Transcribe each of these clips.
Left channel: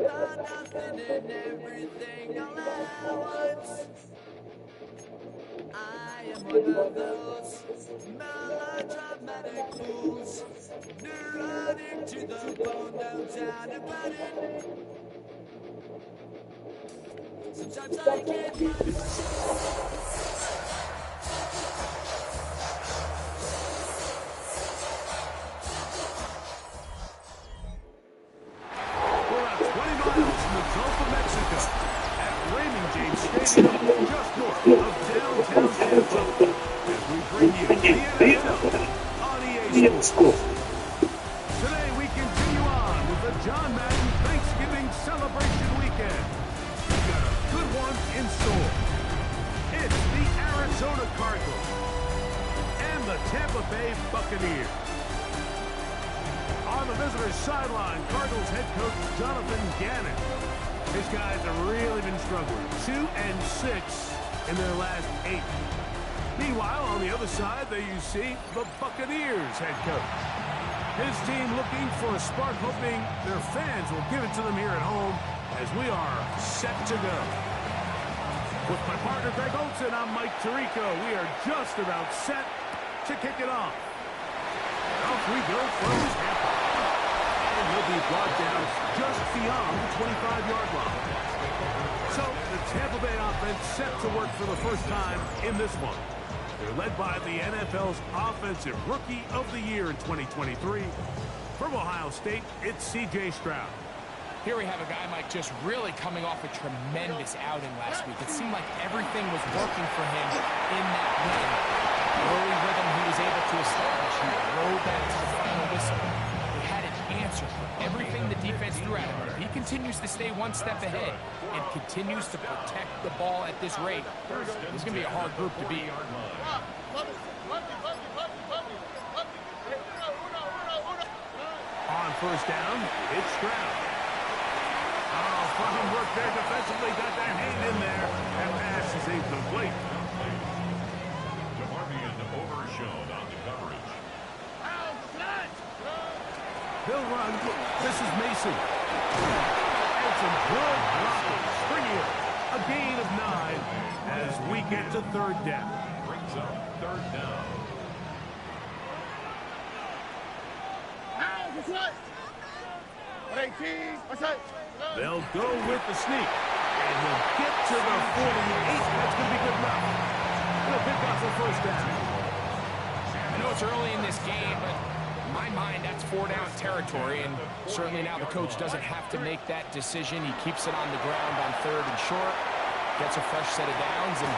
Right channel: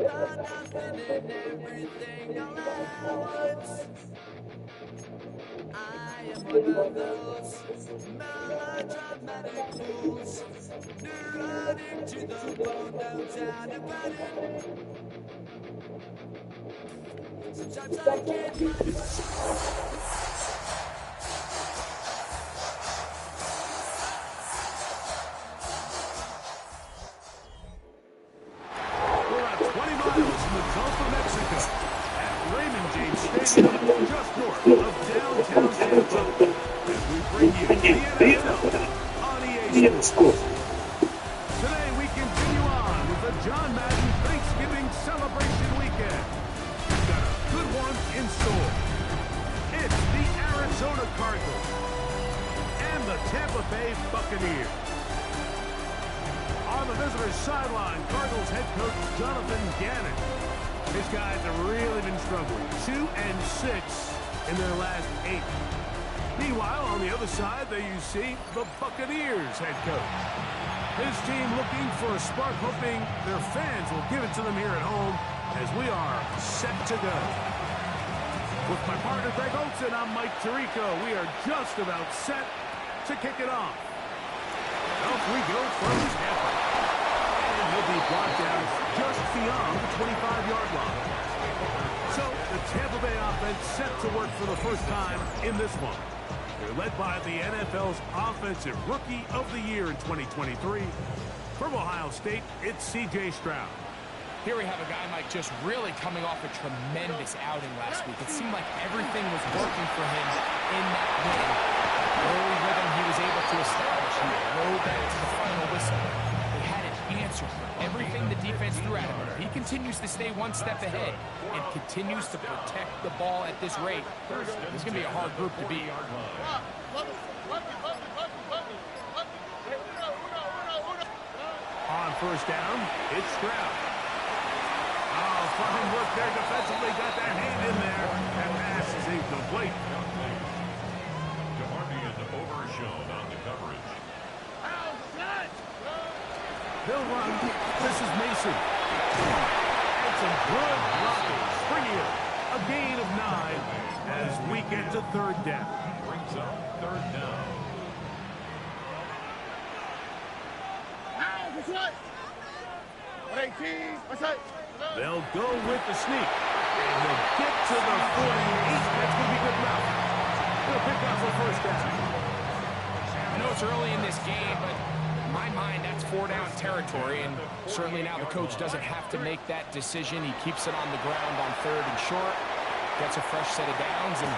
about nothing and everything all at once. I am one of those melodramatic fools, neurotic to the bone, no doubt about it. Sometimes I can't find We're about 20 miles from the Gulf of Mexico at Raymond James Stadium, just north of downtown Tampa, as we bring you the NFL on EA Sports. Today we continue on with the John Madden Thanksgiving celebration weekend. We've got a good one in store. It's the Arizona Cardinals and the Tampa Bay Buccaneers. On the visitors' sideline, Cardinals head coach Jonathan Gannon. His guys have really been struggling. 2-6 in their last 8. Meanwhile, on the other side, there you see the Buccaneers head coach. His team looking for a spark, hoping their fans will give it to them here at home as we are set to go. With my partner Greg Olson, I'm Mike Tirico. We are just about set to kick it off. And off we go from Tampa. And he'll be brought down just beyond the 25-yard line. So the Tampa Bay offense set to work for the first time in this one. They're led by the NFL's Offensive Rookie of the Year in 2023. From Ohio State, it's C.J. Stroud. Here we have a guy, Mike, just really coming off a tremendous outing last week. It seemed like everything was working for him in that win. Early rhythm he was able to establish. He rode that to the final whistle. They had an answer for everything the defense threw at him. If he continues to stay one step ahead and continues to protect the ball at this rate, it's going to be a hard group to beat. On first down, it's Stroud. Oh, fine work there defensively. Got that hand in there. That pass is incomplete. DeMarvion overshown on the coverage. They'll run. This is Mason. And some good blocking. Springier. A gain of 9 as we get to third down. Brings up third down. They'll go with the sneak. And he'll get to the 48. That's going to be good enough. He'll pick up a first down. I know it's early in this game, but in my mind, that's 4-down territory. And certainly now the coach doesn't have to make that decision. He keeps it on the ground on third and short. Gets a fresh set of downs. And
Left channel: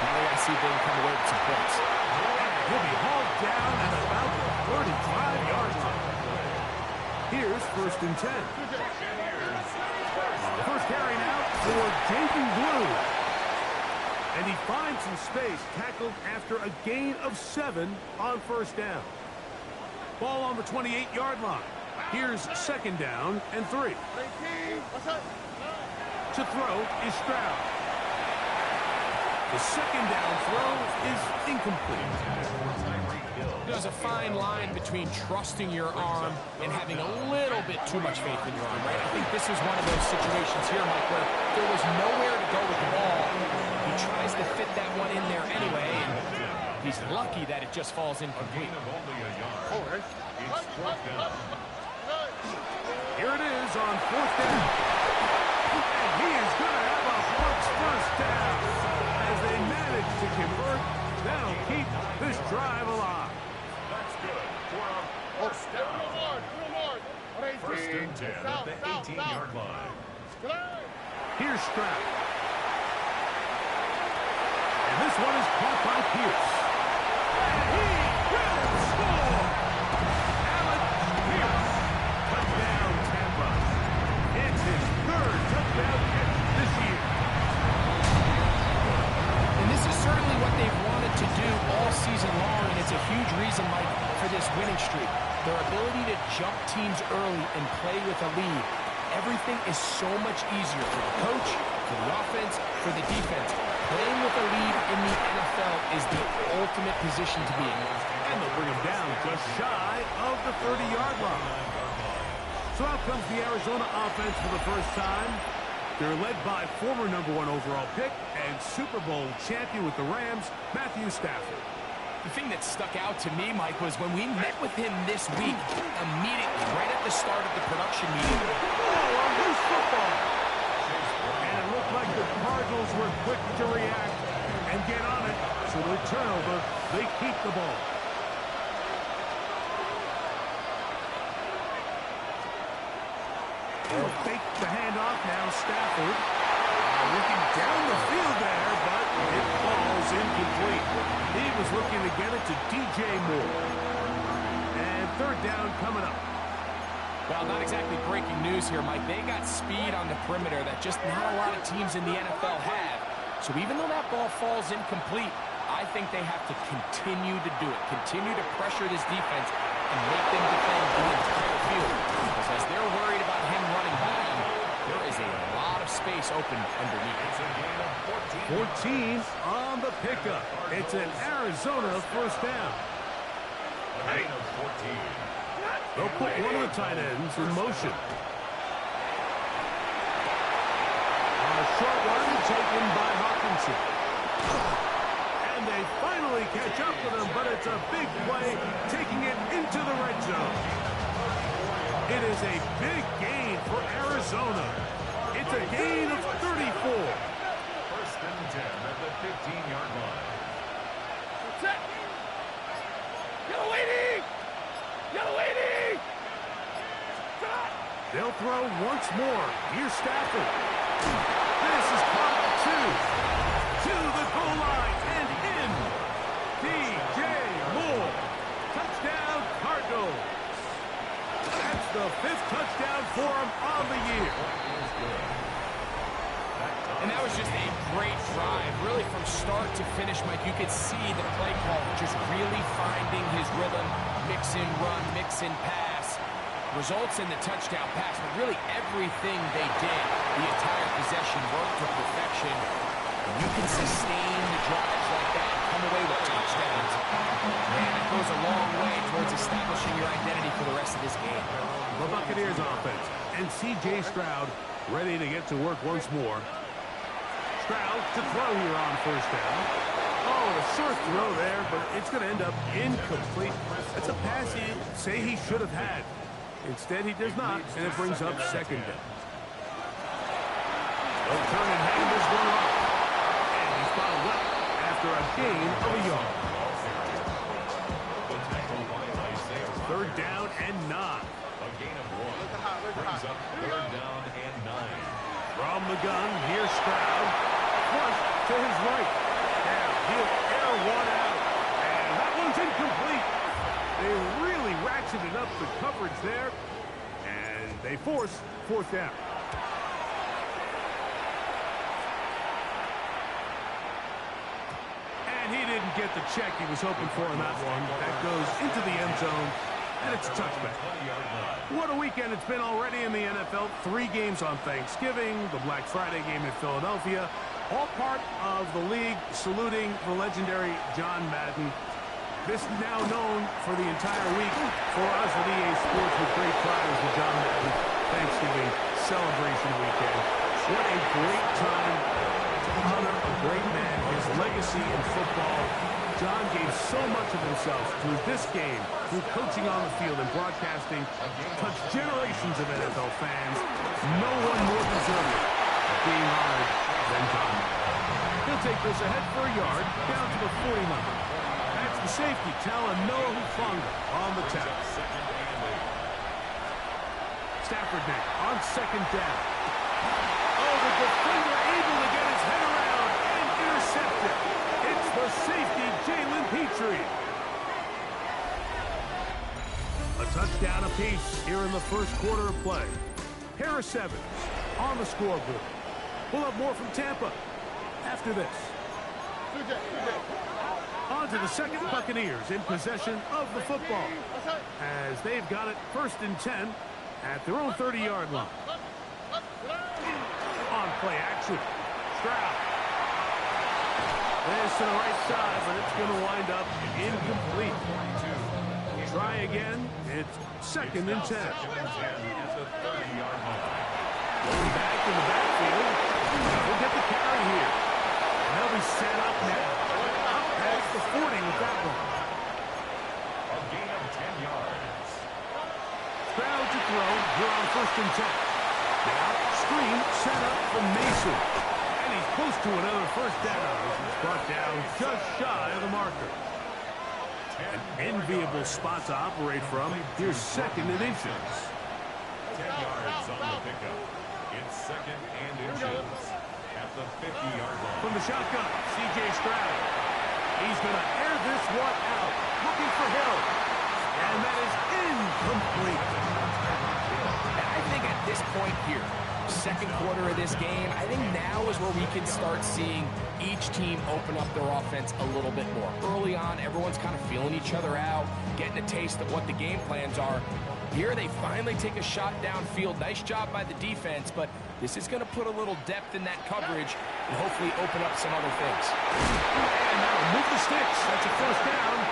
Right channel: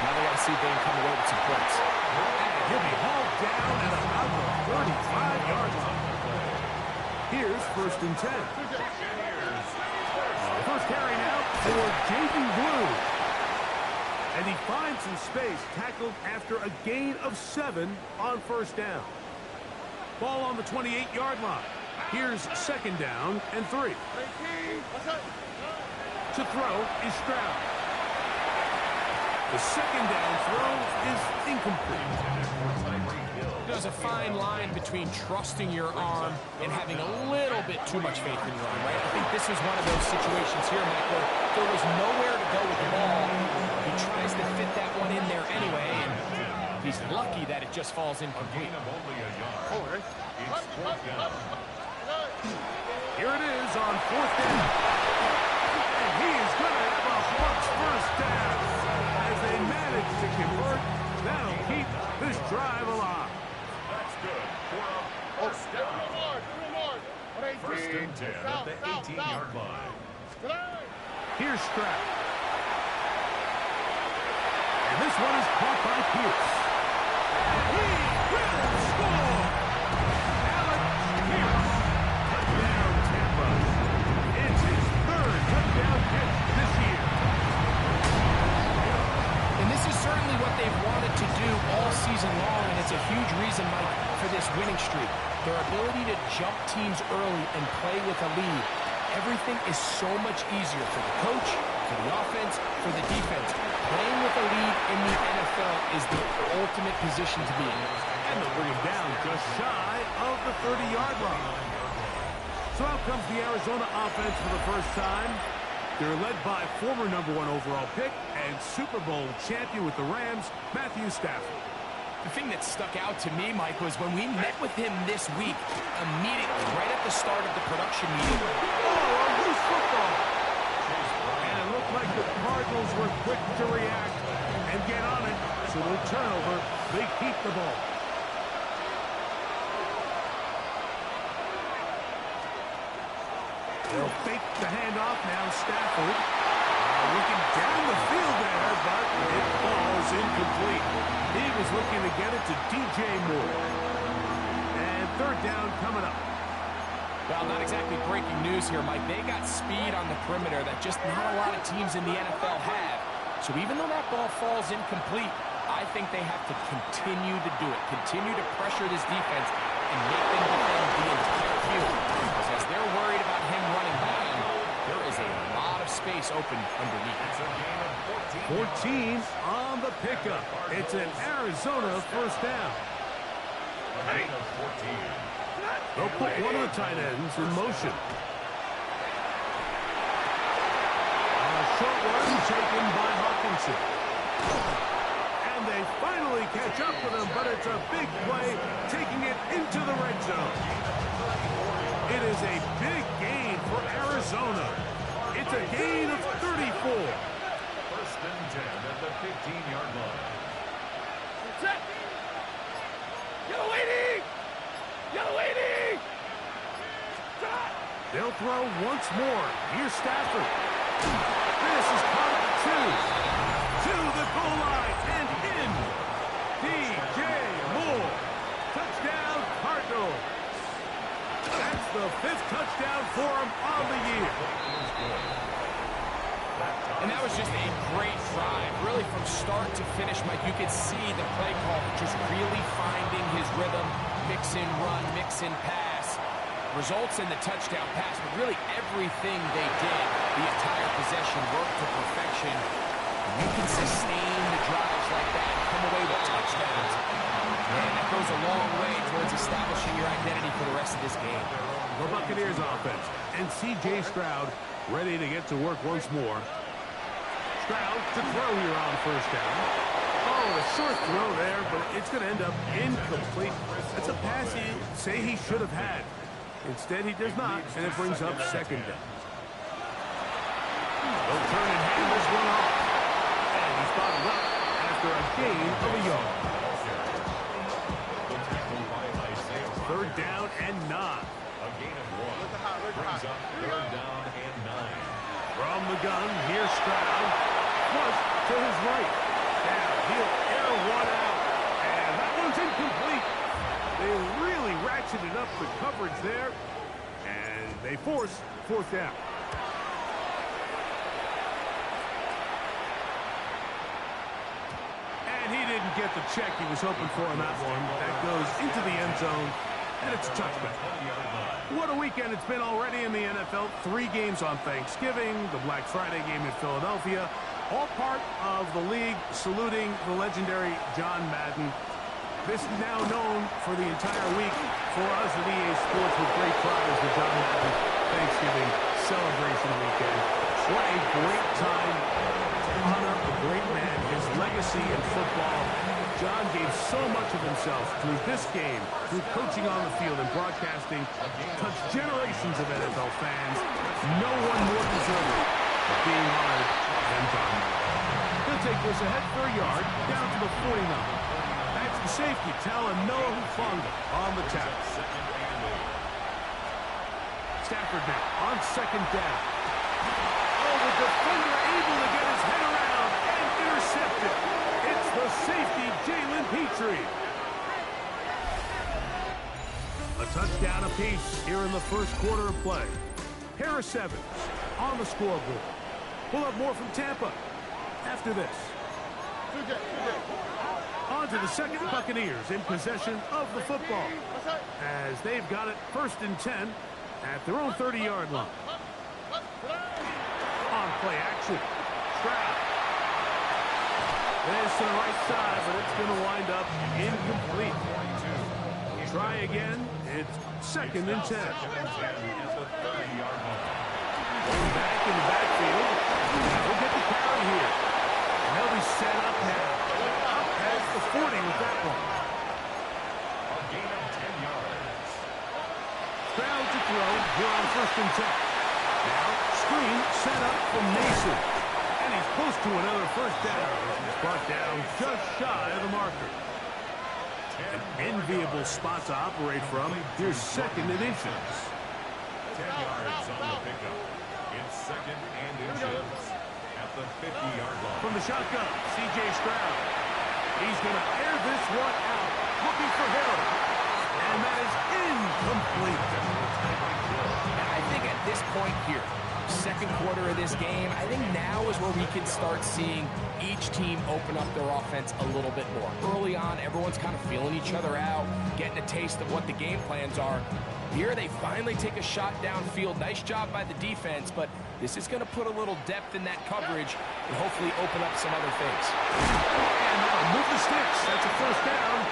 now they got to see if they can come away with some points. And he'll be hauled down at about the 35-yard line. Here's first and 10. First carry now for Jaden Blue. And he finds some space, tackled after a gain of 7 on first down. Ball on the 28-yard line. Here's second down and 3. To throw is Stroud. The second down throw is incomplete. There's a fine line between trusting your arm and having a little bit too much faith in your arm, right? I think this is one of those situations here, Mike, where there was nowhere to go with the ball. He tries to fit that one in there anyway, and he's lucky that it just falls incomplete. Here it is on fourth down. And he is going to have a Bucs first down. As they manage to convert, that'll keep this drive alive. That's good for a first down. First and 10 at the 18-yard line. Here's Stroud. And this one is caught by Pierce. And he will score! Alec Pierce. Touchdown, Tampa. It's his third touchdown catch this year. And this is certainly what they've wanted to do all season long, and it's a huge reason, Mike, for this winning streak. Their ability to jump teams early and play with a lead. Everything is so much easier for the coach, for the offense, for the defense. Playing with a lead in the NFL is the ultimate position to be in. And they'll bring him down just shy of the 30-yard line. So out comes the Arizona offense for the first time. They're led by former #1 overall pick and Super Bowl champion with the Rams, Matthew Stafford. The thing that stuck out to me, Mike, was when we met with him this week, immediately, right at the start of the production meeting. Oh, a loose football. And it looked like the Cardinals were quick to react and get on it. So the turnover, they keep the ball. They'll fake the handoff. Now Stafford looking down the field there, but it falls incomplete. He was looking to get it to DJ Moore. And third down coming up. Well, not exactly breaking news here, Mike. They got speed on the perimeter that just not a lot of teams in the NFL have. So even though that ball falls incomplete, I think they have to continue to do it. Continue to pressure this defense and make them defend the entire field. Because as they're worried about him running by them, there is a lot of space open underneath. It's a gain of 14 on the pickup. It's an Arizona first down. A gain of 14. They'll put one of the tight ends in motion. A short one taken by Hawkinson. And they finally catch up with him, but it's a big play, taking it into the red zone. It is a big gain for Arizona. It's a gain of 34. First and 10 at the 15-yard line. Set. Yellow lady! Yellow lady! Shot! They'll throw once more. Here's Stafford. This is caught to the goal line and in. DJ Moore. Touchdown, Cardinals. That's the 5th touchdown for him on the year. And that was just a great drive. Really from start to finish, Mike, you could see the play call just really finding his rhythm. Mix in run, mix in pass. Results in the touchdown pass, but really everything they did, the entire possession worked to perfection. And you can sustain the drives like that and come away with touchdowns. Man, that goes a long way towards establishing your identity for the rest of this game. The Buccaneers offense and C.J. Stroud ready to get to work once more. Stroud to throw here on first down. Oh, a short throw there, but it's going to end up incomplete. That's a pass he'd say he should have had. Instead, he does not, and it brings up second down. They'll turn and hand this one off. And he's bottled up after a gain of a yard. Third down and 9. A gain of 1 brings up third down and 9. From the gun, here's Stroud. Flush to his right. Now he'll air one out. And that one's incomplete. They really ratcheted up the coverage there. And they force fourth down. And he didn't get the check he was hoping for on that one. That goes into the end zone. And it's a touchback. What a weekend it's been already in the NFL. 3 games on Thanksgiving, the Black Friday game in Philadelphia. All part of the league saluting the legendary John Madden. This is now known for the entire week for us at EA Sports with great pride as the John Madden Thanksgiving celebration weekend. What a great time to honor a great man, his legacy in football. John gave so much of himself through this game, through coaching on the field and broadcasting, touched generations of NFL fans. No one more deserving of being honored than John Madden. He'll take this ahead for a yard, down to the 40 number. That's the safety, Talanoa Hufanga on the tackle. Stafford now on second down. Oh, the defender able to get his head around and intercept it. It's the safety, Jalen Petrie. A touchdown apiece here in the first quarter of play. Harris Evans on the scoreboard. We'll have more from Tampa after this. On to the second, Buccaneers in possession of the football as they've got it first and 10 at their own 30-yard line. On play action, Stroud. This to the right side, but it's going to wind up incomplete. Try again. It's second and 10. in the backfield. He'll get the carry here. And they'll be set up now. Up past the 40 with that one. A gain of 10 yards. Stroud to throw here on 1st and 10. Now, screen set up from Mason. And he's close to another first down. He's brought down just shy of the marker. An enviable spot to operate from. Here's 2nd and inches. 10 yards on the pickup. It's 2nd and inches at the 50-yard line. From the shotgun, C.J. Stroud. He's going to air this one out, looking for Hill. And that is incomplete. And I think at this point here, 2nd quarter of this game, I think now is where we can start seeing each team open up their offense a little bit more. Early on, everyone's kind of feeling each other out, getting a taste of what the game plans are. Here they finally take a shot downfield. Nice job by the defense, but this is going to put a little depth in that coverage and hopefully open up some other things. And now move the sticks. That's a first down.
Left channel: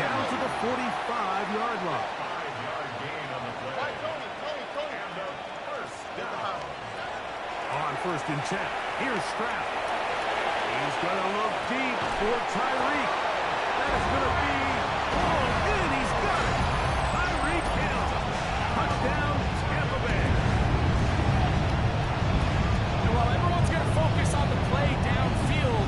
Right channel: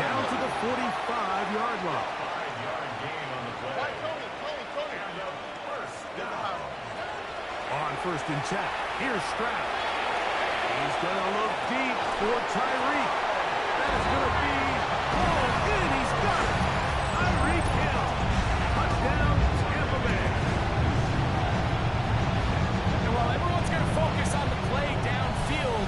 Down to the 45-yard line. 5-yard gain on the play. And a first down. On 1st and 10, here's Stroud. He's going to look deep for Tyreek. That is going to be pulled in. He's got it. Tyreek Hill. Touchdown, Tampa Bay. And while everyone's going to focus on the play downfield,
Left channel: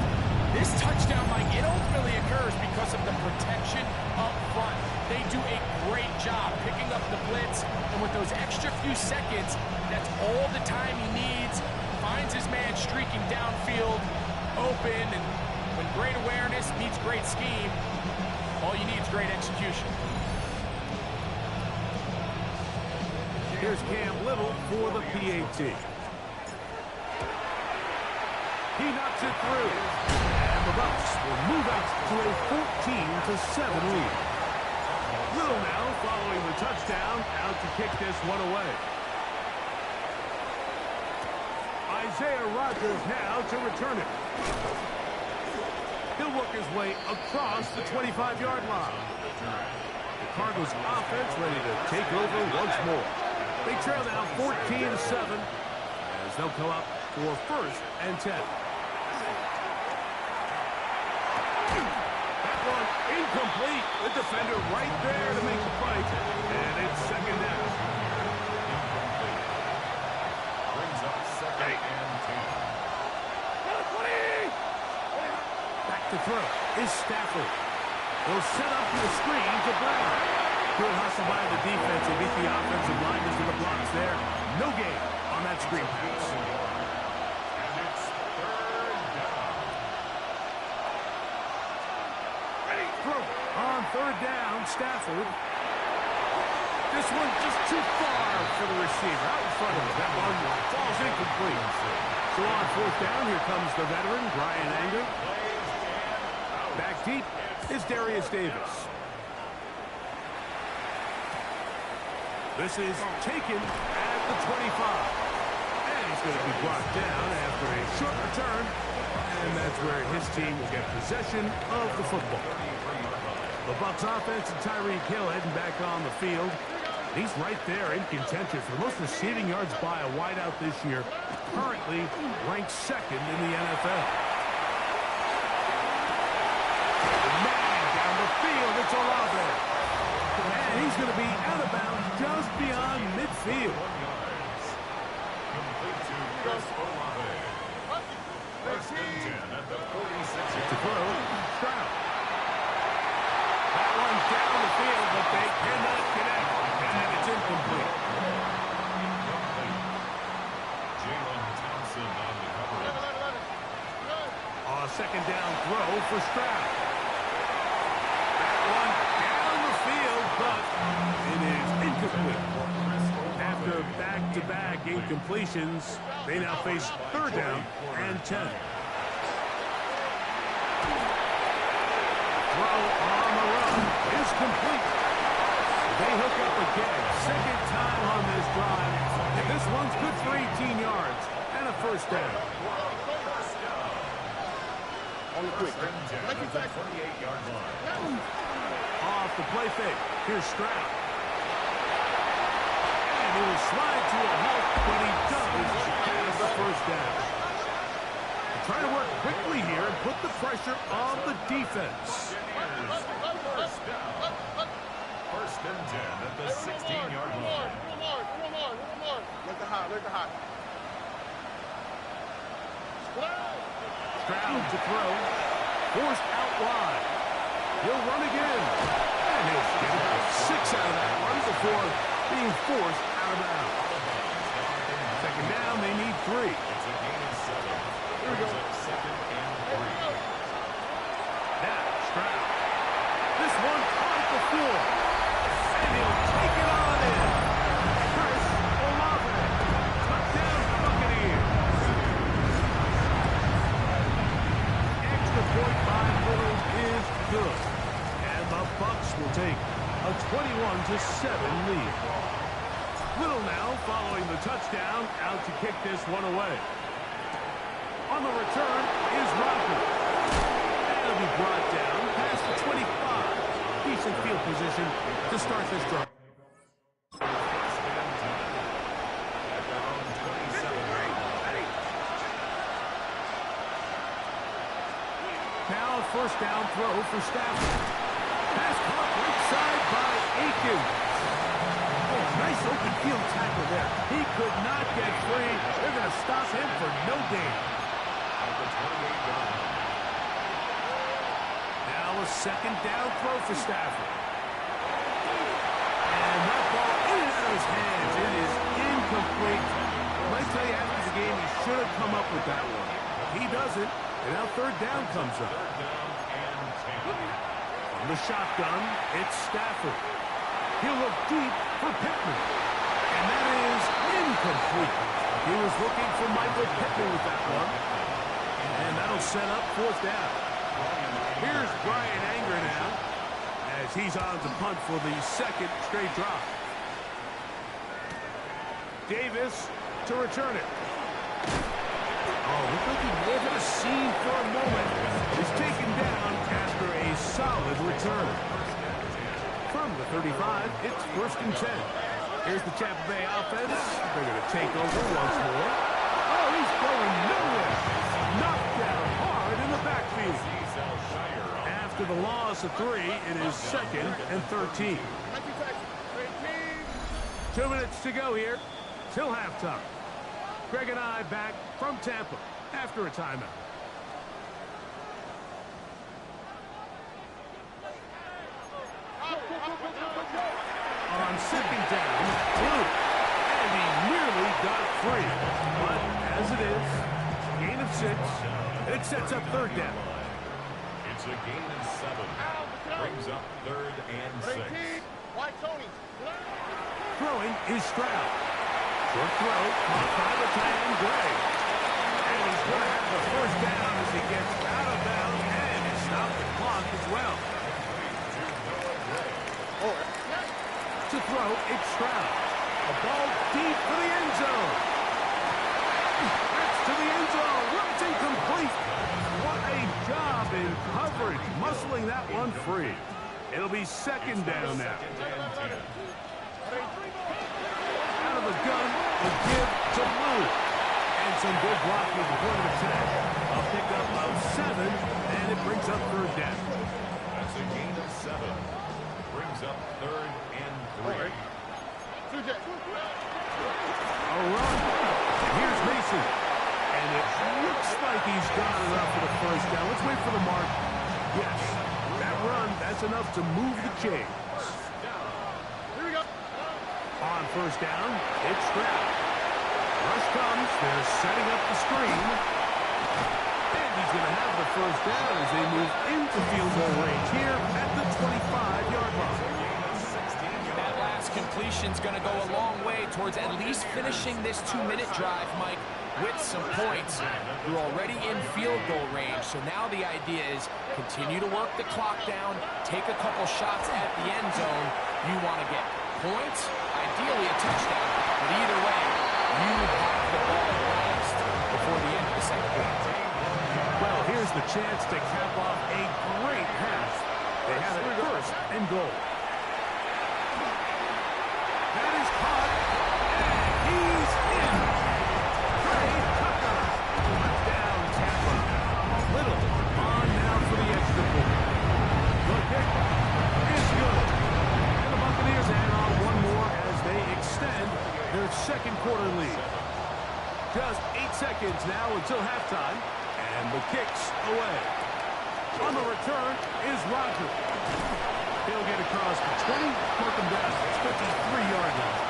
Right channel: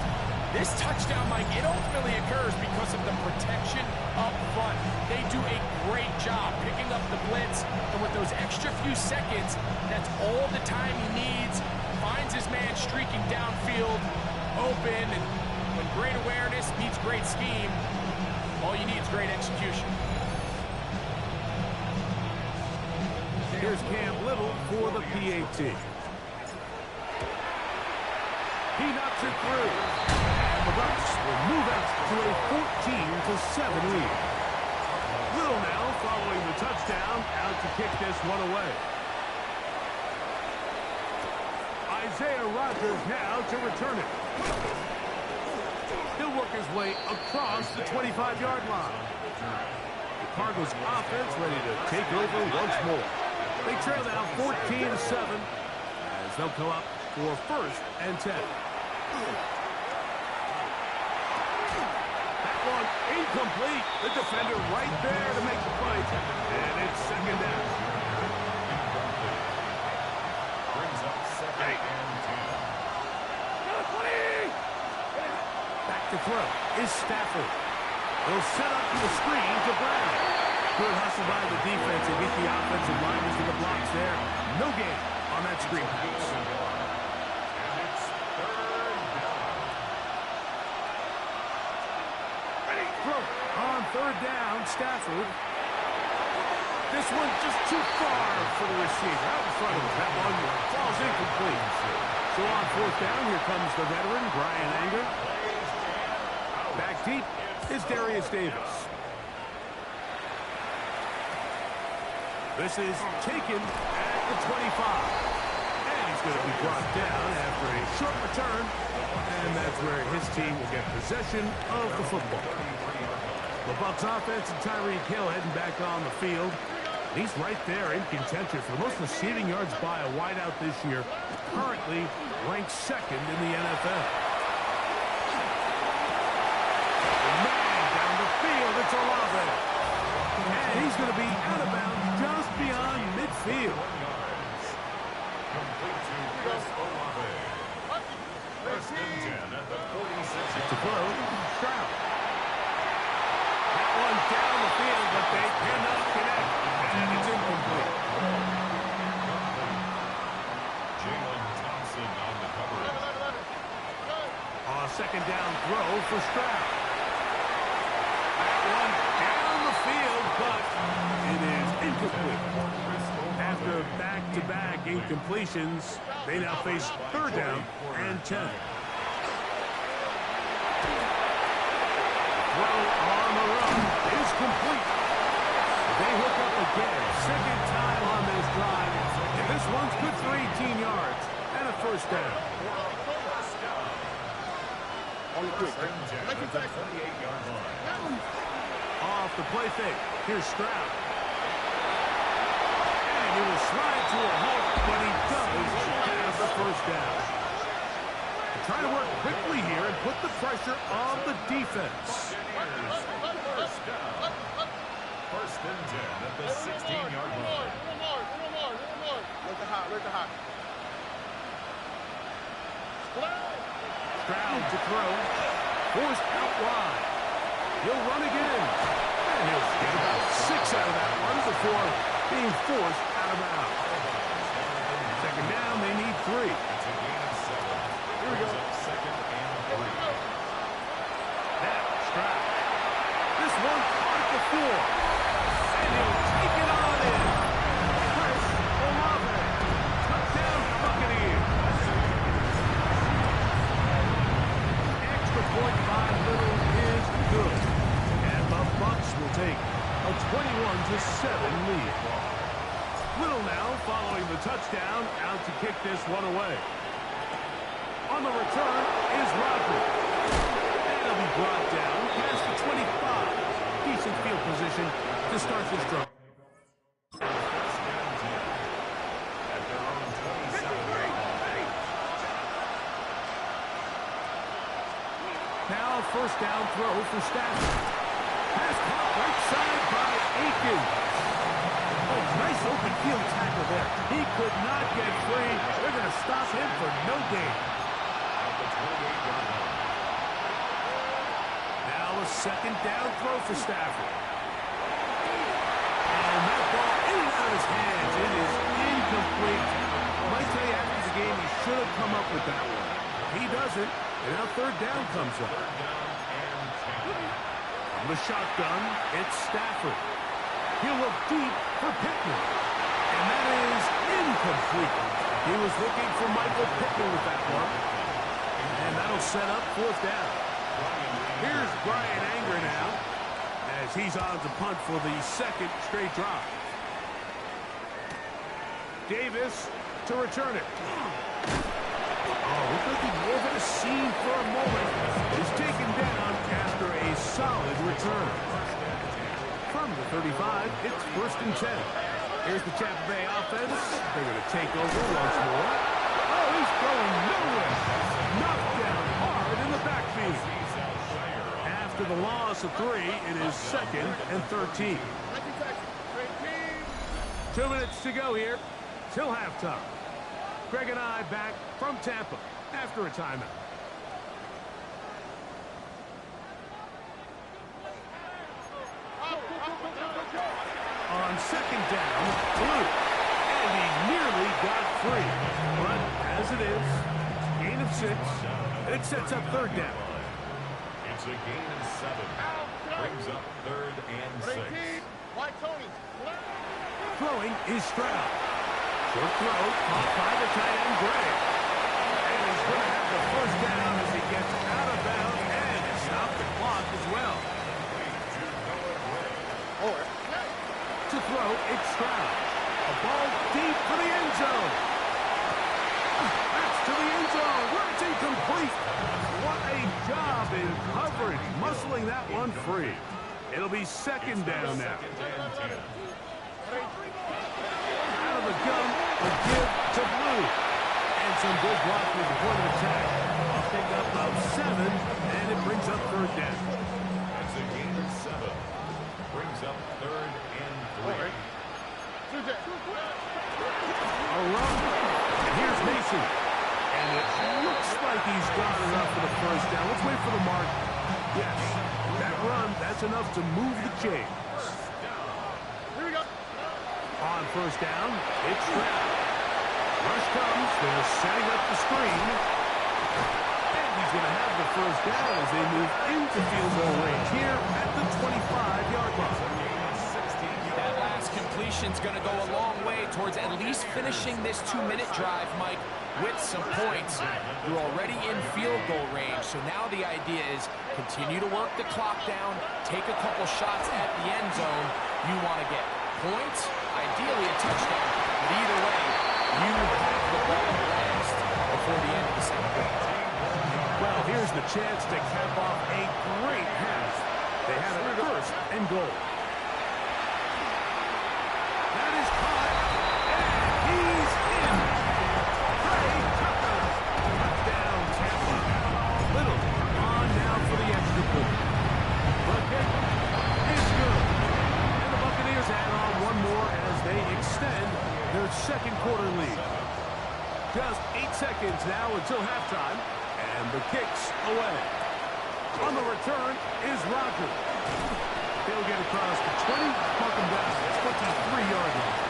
this touchdown, Mike, it ultimately occurs because of the protection up front. They do a great job picking up the blitz, and with those extra few seconds, that's all the time he needs. Finds his man streaking downfield, open, and when great awareness meets great scheme, all you need is great execution. Here's Cam Little for the PAT. He knocks it through. And the Bucs will move out to a 14-7 lead. Little now following the touchdown, out to kick this one away. Isaiah Rodgers now to return it. He'll work his way across the 25-yard line. The Cardinals offense ready to take over once more. They trail now 14-7 as they'll come up for 1st and 10. That one incomplete. The defender right there to make the play. And it's 2nd down. Incomplete. Brings up 2nd and 10. Back to throw is Stafford. They'll set up the screen to Brown. Good hustle by the defense. They beat the offensive linemen to the blocks there. No gain on that screen pass. And it's 3rd down. Throw on 3rd down, Stafford. This one just too far for the receiver. Out in front of him. That one falls incomplete. So on 4th down, here comes the veteran, Brian Anger. Back deep is Darius Davis. This is taken at the 25. And he's going to be brought down after a short return. And that's where his team will get possession of the football. The Bucs offense and Tyreek Hill heading back on the field. And he's right there in contention for the most receiving yards by a wideout this year. Currently ranked 2nd in the NFL. Man, down the field, it's Olave. And he's going to be out of bounds just beyond midfield. 1 yards. Complete to Chris Olave. 1st and 10 at the 46. To throw, Stroud. That one down the field, but they cannot connect. And it's incomplete. Incomplete. Jalen Thompson on the coverage. A 2nd down throw for Stroud. That one down the field, but it is incomplete. After back-to-back incompletions, they now face 3rd down and 10. Throw on the run is complete. They hook up again. 2nd time on this drive. And this one's good for 18 yards and a 1st down. On the quick. At the 28-yard line. Off the play fake. Here's Stroud. And he will slide to a halt, but he does have the first down. They're trying to work quickly here and put the pressure on the defense. First down. First and 10 at the 16-yard line. Look the hot. Stroud to throw. Forced out wide. He'll run again. And he'll get about 6 out of that one before being forced out of bounds. Second down, they need 3. It's a gain of 7. Here we go. Second and 3. Now, Stroud. This one caught at the floor. And he'll take it on in. Chris Olave. Touchdown, Buccaneers. Extra point by Little is good. And the Bucs will take a 21-7 lead. Little now following the touchdown, out to kick this one away. On the return is Rodgers. That'll be brought down past the 25. Decent field position to start this drive. First and 10 at their own 27-yard line. Now a first down throw for Stafford. Pass caught right side by Aikens. Oh, nice open field tackle there. He could not get free. They're going to stop him for no gain. At the 28-yard line. Now a second down throw for Stafford. And that ball in and out of his hands. It is incomplete. I might tell you after the game he should have come up with that one. He doesn't. And now third down comes up. Third down and 10. From the shotgun, it's Stafford. He'll look deep for Pittman. And that is incomplete. He was looking for Michael Pittman with that one. And that'll set up fourth down. Here's Brian Anger now, as he's on to punt for the second straight drive. Davis to return it. Oh, looks like he may have hit a seam for a moment. He's taken down after a solid return. From the 35, it's first and 10. Here's the Tampa Bay offense. They're going to take over once more. Oh, he's going nowhere. Knocked down hard in the backfield. After the loss of 3, it is second and 13. 2 minutes to go here till halftime. Greg and I back from Tampa after a timeout. On second down, Luke. And he nearly got free. But as it is, gain of 6. And it sets up third down. It's a gain of 7. Brings up third and 6. Throwing is Stroud. Short throw, caught by the tight end, Gray. And he's going to have the first down as he gets out of bounds and stop the clock as well. To throw, it's Stroud. A ball deep for the end zone. That's to the end zone where it's incomplete. What a job in coverage, muscling that one free. It'll be second down now. Out of the gun, a give to Blue. And some good blocking at the point of attack. A pickup of 7, and it brings up third down. That's a gain of 7. Brings up third and 3. A run. And here's Mason. And it looks like he's got enough for the first down. Let's wait for the mark. Yes, that run, that's enough to move the chains. Here we go. On first down, it's Stroud. Rush comes. They're setting up the screen. And he's going to have the first down as they move into field goal range here at the 25-yard line. That last completion's going to go a long way towards at least finishing this 2-minute drive, Mike, with some points. You're already in field goal range, so now the idea is continue to work the clock down, take a couple shots at the end zone. You want to get points, ideally a touchdown, but either way, you have the ball last before the end of the second quarter. Well, here's the chance to cap off a great half. They have it first and goal. That is caught, and he's in. Gray 3-quarter lead. Just 8 seconds now until halftime, and the kick's away. On the return is Roger. He'll get across the 20, mark him down at 23-yard line.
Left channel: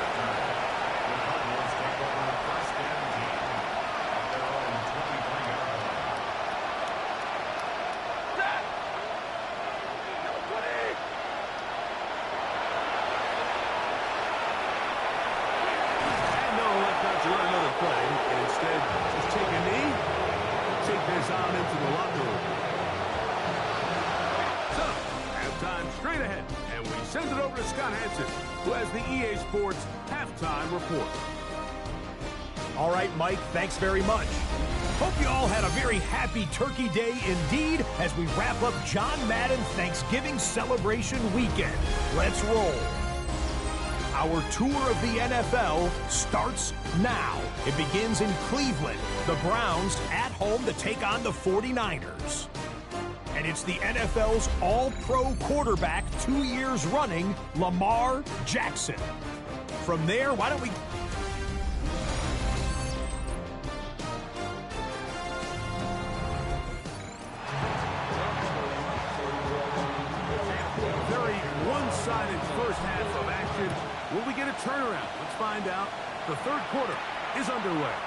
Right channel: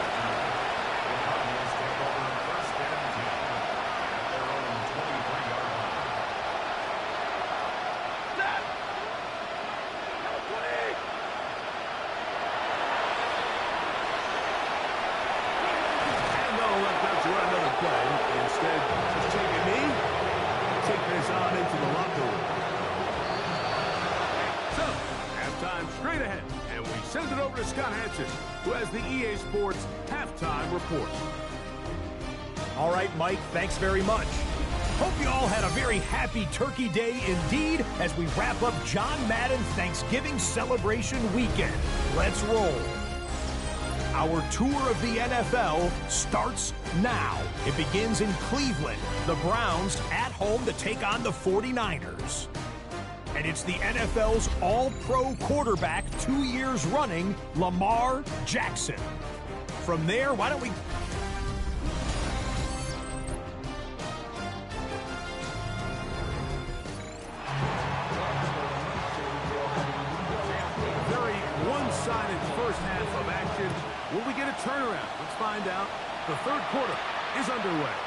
The Cardinals take over first and 10 at their own 23-yard line. And they'll elect not to run another play. Instead, just take a knee, take this on into the locker room. So, halftime straight ahead, and we send it over to Scott Hansen, who has the EA Sports halftime report. All right, Mike, thanks very much. Hope you all had a very happy Turkey Day indeed as we wrap up John Madden Thanksgiving celebration weekend. Let's roll. Our tour of the NFL starts now. It begins in Cleveland. The Browns at home to take on the 49ers. And it's the NFL's all-pro quarterback 2 years running, Lamar Jackson. From there, why don't we... Very one-sided first half of action. Will we get a turnaround? Let's find out. The third quarter is underway.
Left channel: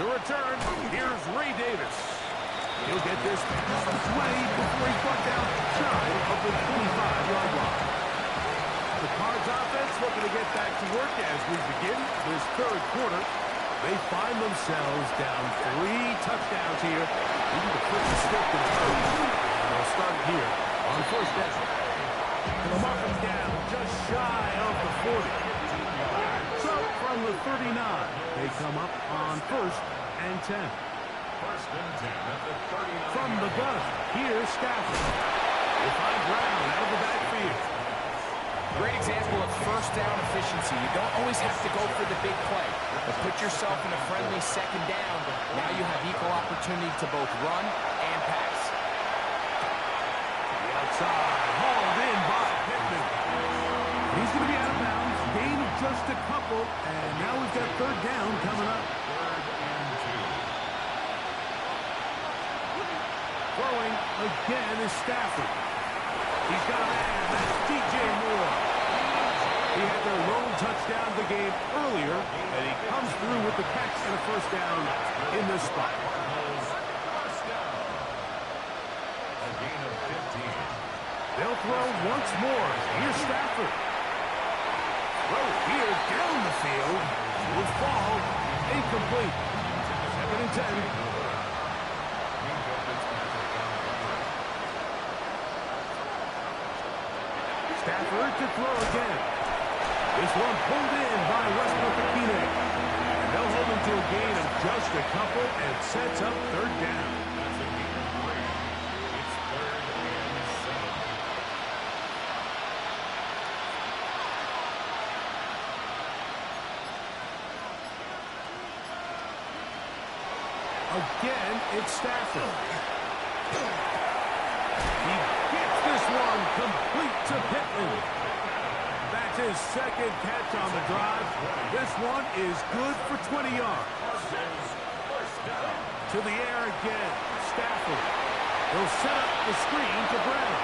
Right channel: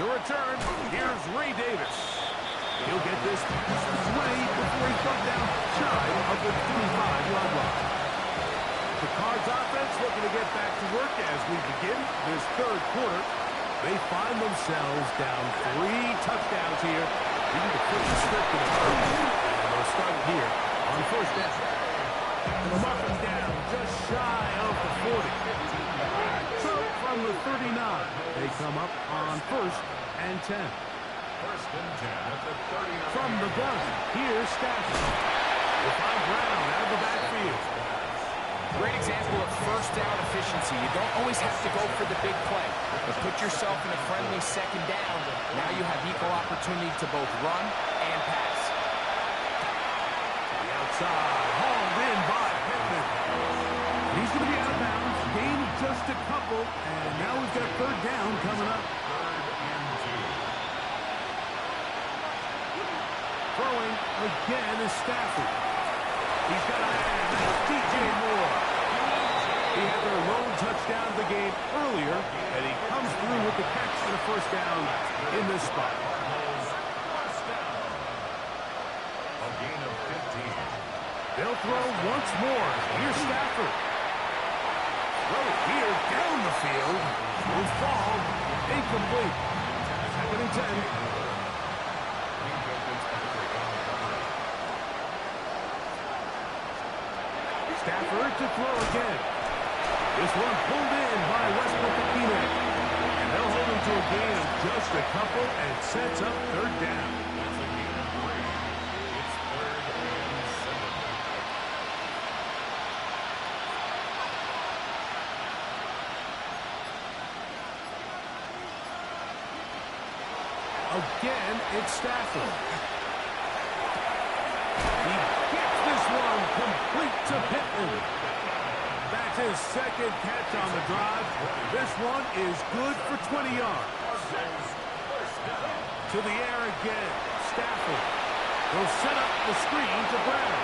To return, here's Ray Davis. He'll get this past the 20 before he's brought down shy of the 25-yard line. The Cards offense looking to get back to work as we begin this third quarter. They find themselves down 3 touchdowns here. We need to flip the script in a hurry. And they'll start it here on first down. And they'll mark them down just shy of the 40. So from the 39, they come up on first and 10. First and 10 at the 39. From the gun, here's Stafford. We'll find Brown out of the backfield. Great example of first down efficiency. You don't always have to go for the big play, but put yourself in a friendly second down. Now you have equal opportunity to both run and pass. The outside, hauled in by Pittman. He's going to be out of bounds. Gain just a couple, and now we've got third down coming up. Third and 2. Throwing again is Stafford. He's got a man. That's DJ Moore. He had their lone touchdown of the game earlier, and he comes through with the catch and a first down in this spot. First down. A gain of 15. They'll throw once more. Here's Stafford. Throw here down the field. Will fall. Incomplete. Second and 10. Stafford to throw again. This one pulled in by Westbrook-Akine. And they'll hold him to a gain of just a couple and sets up third down. That's a gain of 3. It's third and 7. Again, it's Stafford. He gets this one complete to Pittman. That's his second catch on the drive. This one is good for 20 yards. To the air again, Stafford. He'll set up the screen to Brown.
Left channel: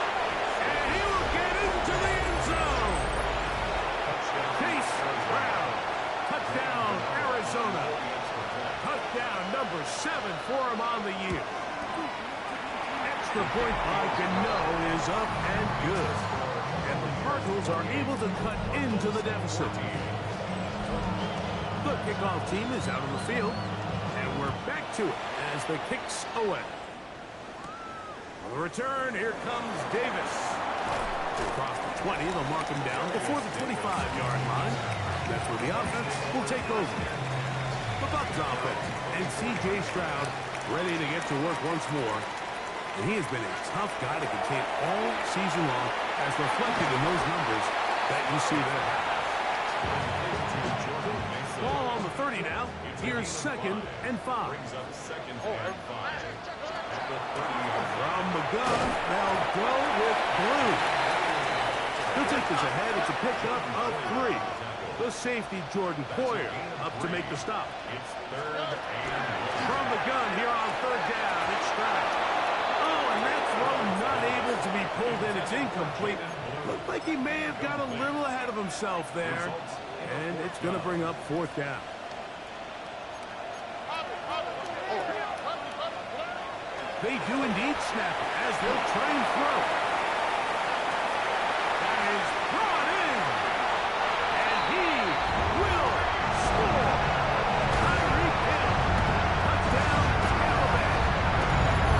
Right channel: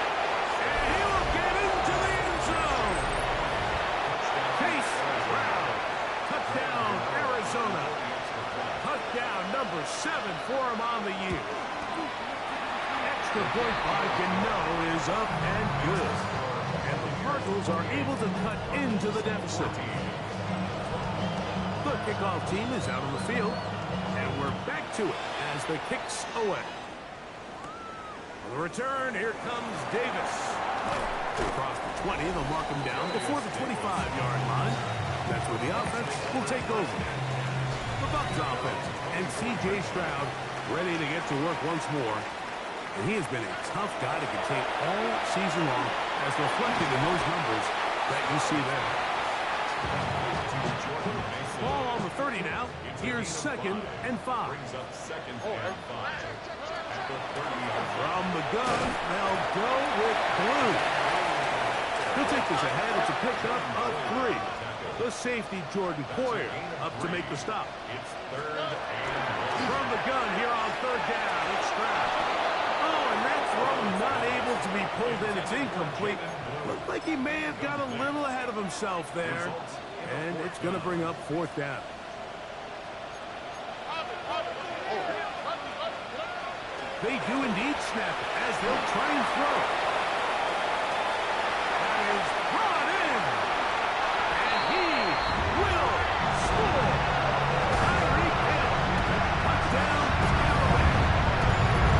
And he will get into the end zone. Chase Brown. Touchdown, Arizona. Touchdown number 7 for him on the year. Extra point by Gano is up and good. And the Cardinals are able to cut into the deficit. The kickoff team is out on the field. And we're back to it as the kick's away. On the return, here comes Davis. Across the 20, they'll mark him down before the 25-yard line. That's where the offense will take over. The Bucs offense and C.J. Stroud ready to get to work once more. And he has been a tough guy to contain all season long, as reflected in those numbers that you see there. Ball on the 30 now. Here's second and 5. Brings up second and 5. At the 30-yard From the gun, they'll go with Blue. He'll take this ahead. It's a pickup of 3. The safety, Jordan Poyer, up to make the stop. It's 3rd and 1. From the gun here on 3rd down, it's Stroud. Oh, and that throw not able to be pulled in. It's incomplete. Looked like he may have got a little ahead of himself there. And it's going to bring up 4th down. They do indeed snap it as they'll try and throw. That is brought in. And he will score. Tyreek Hill. Touchdown, Tampa Bay.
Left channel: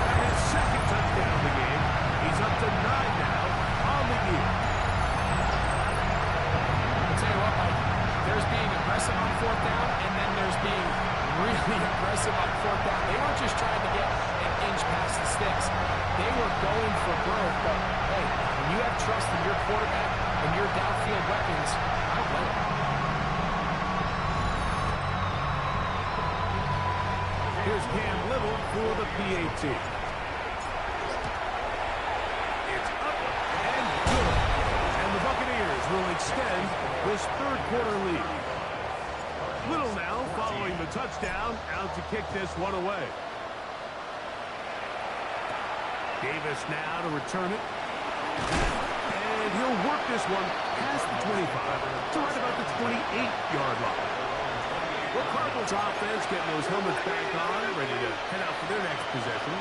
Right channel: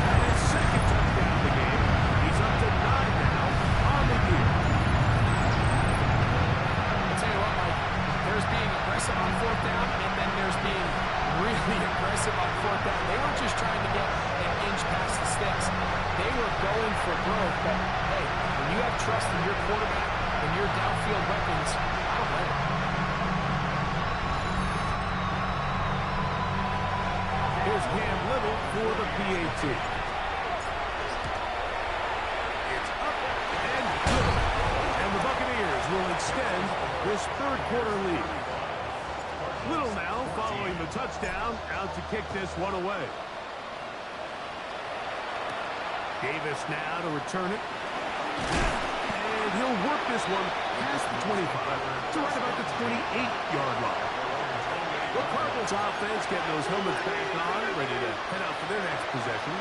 And his 2nd touchdown of the game. He's up to 9 now on the year. I'll tell you what, Mike. There's being aggressive on 4th down, and then there's being really aggressive on 4th down. They weren't just trying to get an inch past the sticks. They were going for growth. But, hey, when you have trust in your quarterback and your downfield weapons, I don't blame it. Here's Cam Little for the PAT. It's up and good. And the Buccaneers will extend this 3rd quarter lead. Little now following the touchdown, out to kick this one away. Davis now to return it. And he'll work this one past the 25 to right about the 28-yard line. The Cardinals offense getting those helmets back on, ready to head out for their next possession.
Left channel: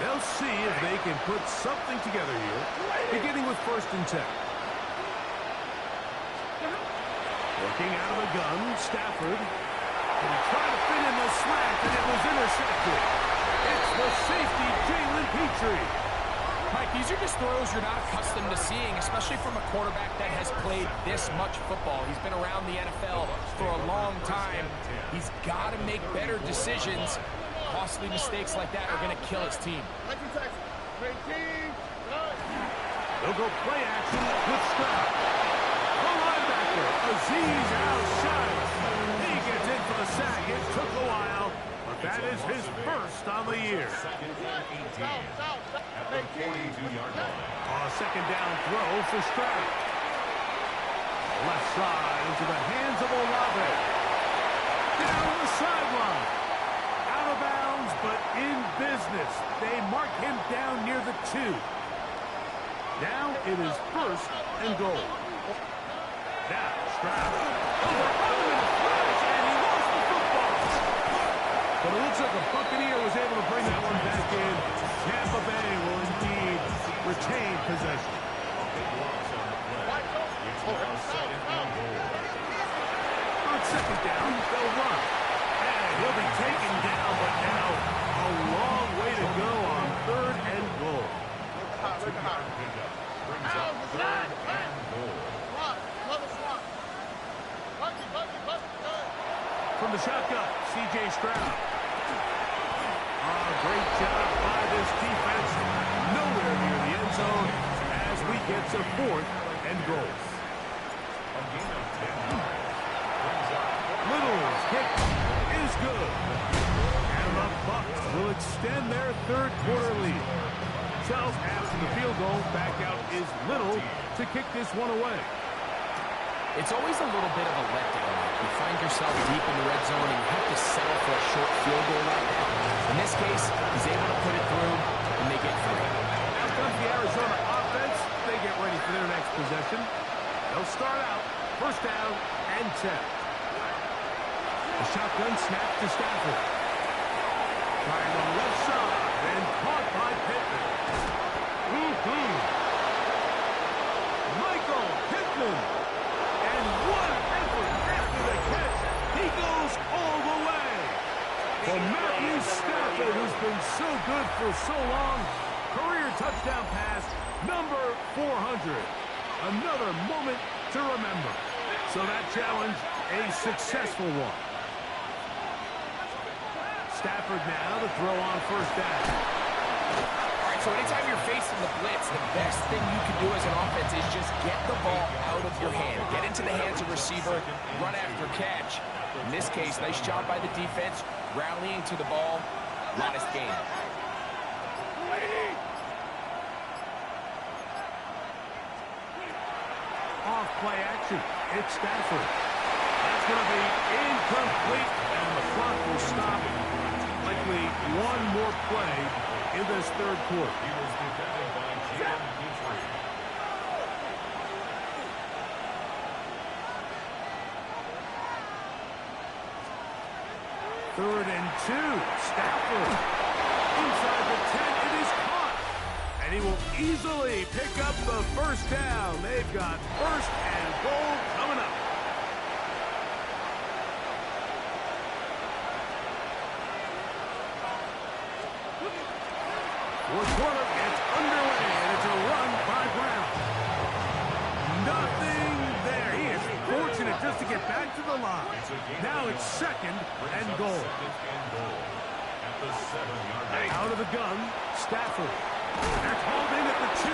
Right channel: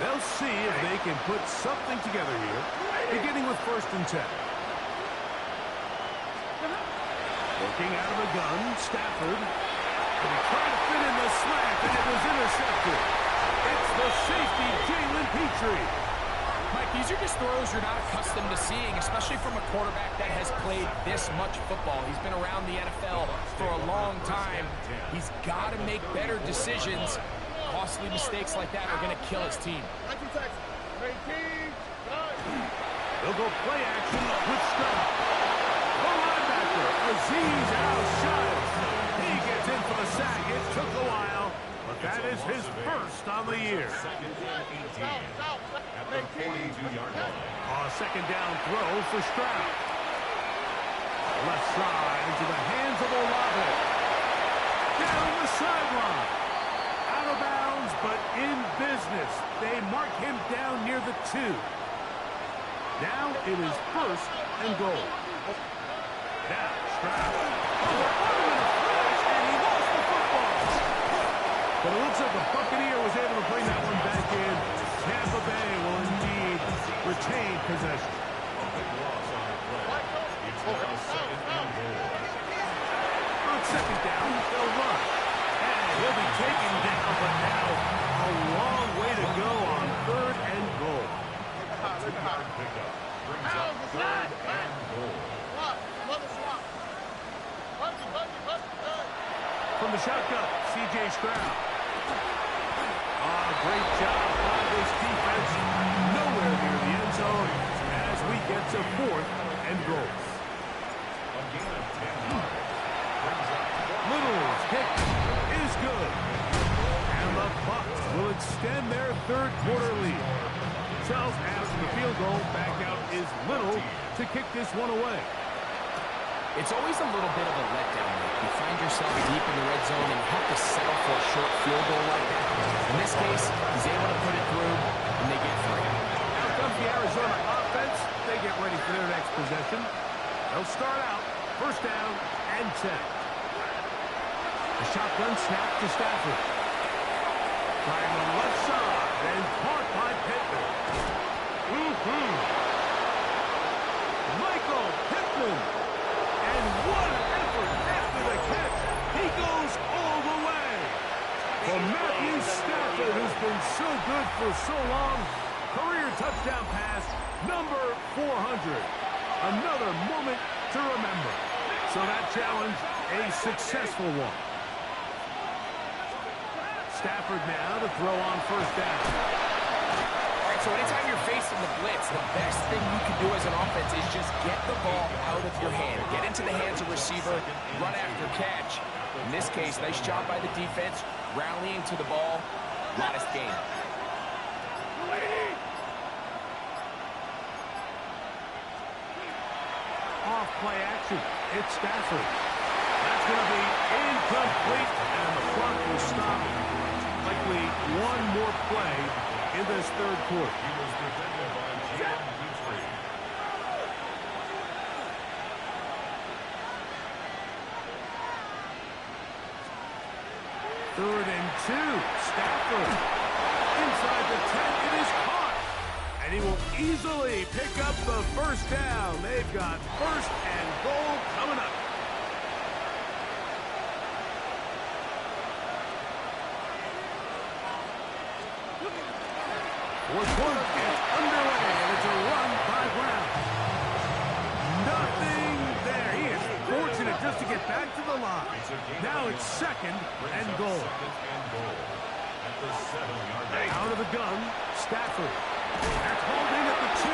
They'll see if they can put something together here, beginning with 1st and 10. Working out of the gun, Stafford. And he tried to fit in the slant, and it was intercepted. It's the safety, Jalen Petrie. Mike, these are just throws you're not accustomed to seeing, especially from a quarterback that has played this much football. He's been around the NFL for a long time. He's got to make better decisions. Costly mistakes like that are going to kill his team. They'll go play action with Stroud. The linebacker, Azeez Al-Shires. He gets in for the sack. It took a while, but that is his 1st on the year. 2nd and 18 at the 42-yard line. A 2nd down throw for Stroud. Left side into the hands of Olave. Down the sideline. Out of bounds, but in business. They mark him down near the 2. Now it is 1st and goal. Now Stroud over on him in a flash, and he lost the football. But it looks like the Buccaneer was able to bring that one back in. Tampa Bay will indeed retain possession. A big loss on the play. It's now 2nd and goal. On 2nd down, they'll run. And he'll be taken down, but now a long way to go on 3rd and goal. A 2-yard pickup brings up 3rd and goal. From the shotgun, C.J. Stroud. Great job by this defense. Nowhere near the end zone as we get to 4th and goal. A gain of 10 yards brings up 4th. Little's kick is good. And the Bucs will extend their 3rd quarter lead. So after the field goal, back out is Little to kick this one away. It's always a little bit of a letdown. Like you find yourself deep in the red zone and you have to settle for a short field goal like that. In this case, he's able to put it through, and they get 3. Out comes the Arizona offense. They get ready for their next possession. They'll start out 1st down and 10. The shotgun snap to Stafford. Trying the left side and caught by Pittman. Michael Pittman. And what an effort after the catch. He goes all the way. For Matthew Stafford, who's been so good for so long. Career touchdown pass, number 400. Another moment to remember. So that challenge, a successful one. Stafford now to throw on 1st down. All right, so anytime you're facing the blitz, the best thing you can do as an offense is just get the ball out of your hand. Get into the hands of receiver, run after catch. In this case, nice job by the defense, rallying to the ball. Modest gain. Off play action. It's Stafford. That's going to be incomplete, and the clock will stop. Likely one more play in this third quarter. He was defended by Jalen Petrie. Third and 2. Stafford inside the 10. It is caught. And he will easily pick up the first down. They've got first and goal coming up. Fourth quarter gets underway, and it's a run by Brown. Nothing there. He is fortunate just to get back to the line. Now it's second and goal. At the 7-yard line. Out of the gun, Stafford. They're called in at the 2.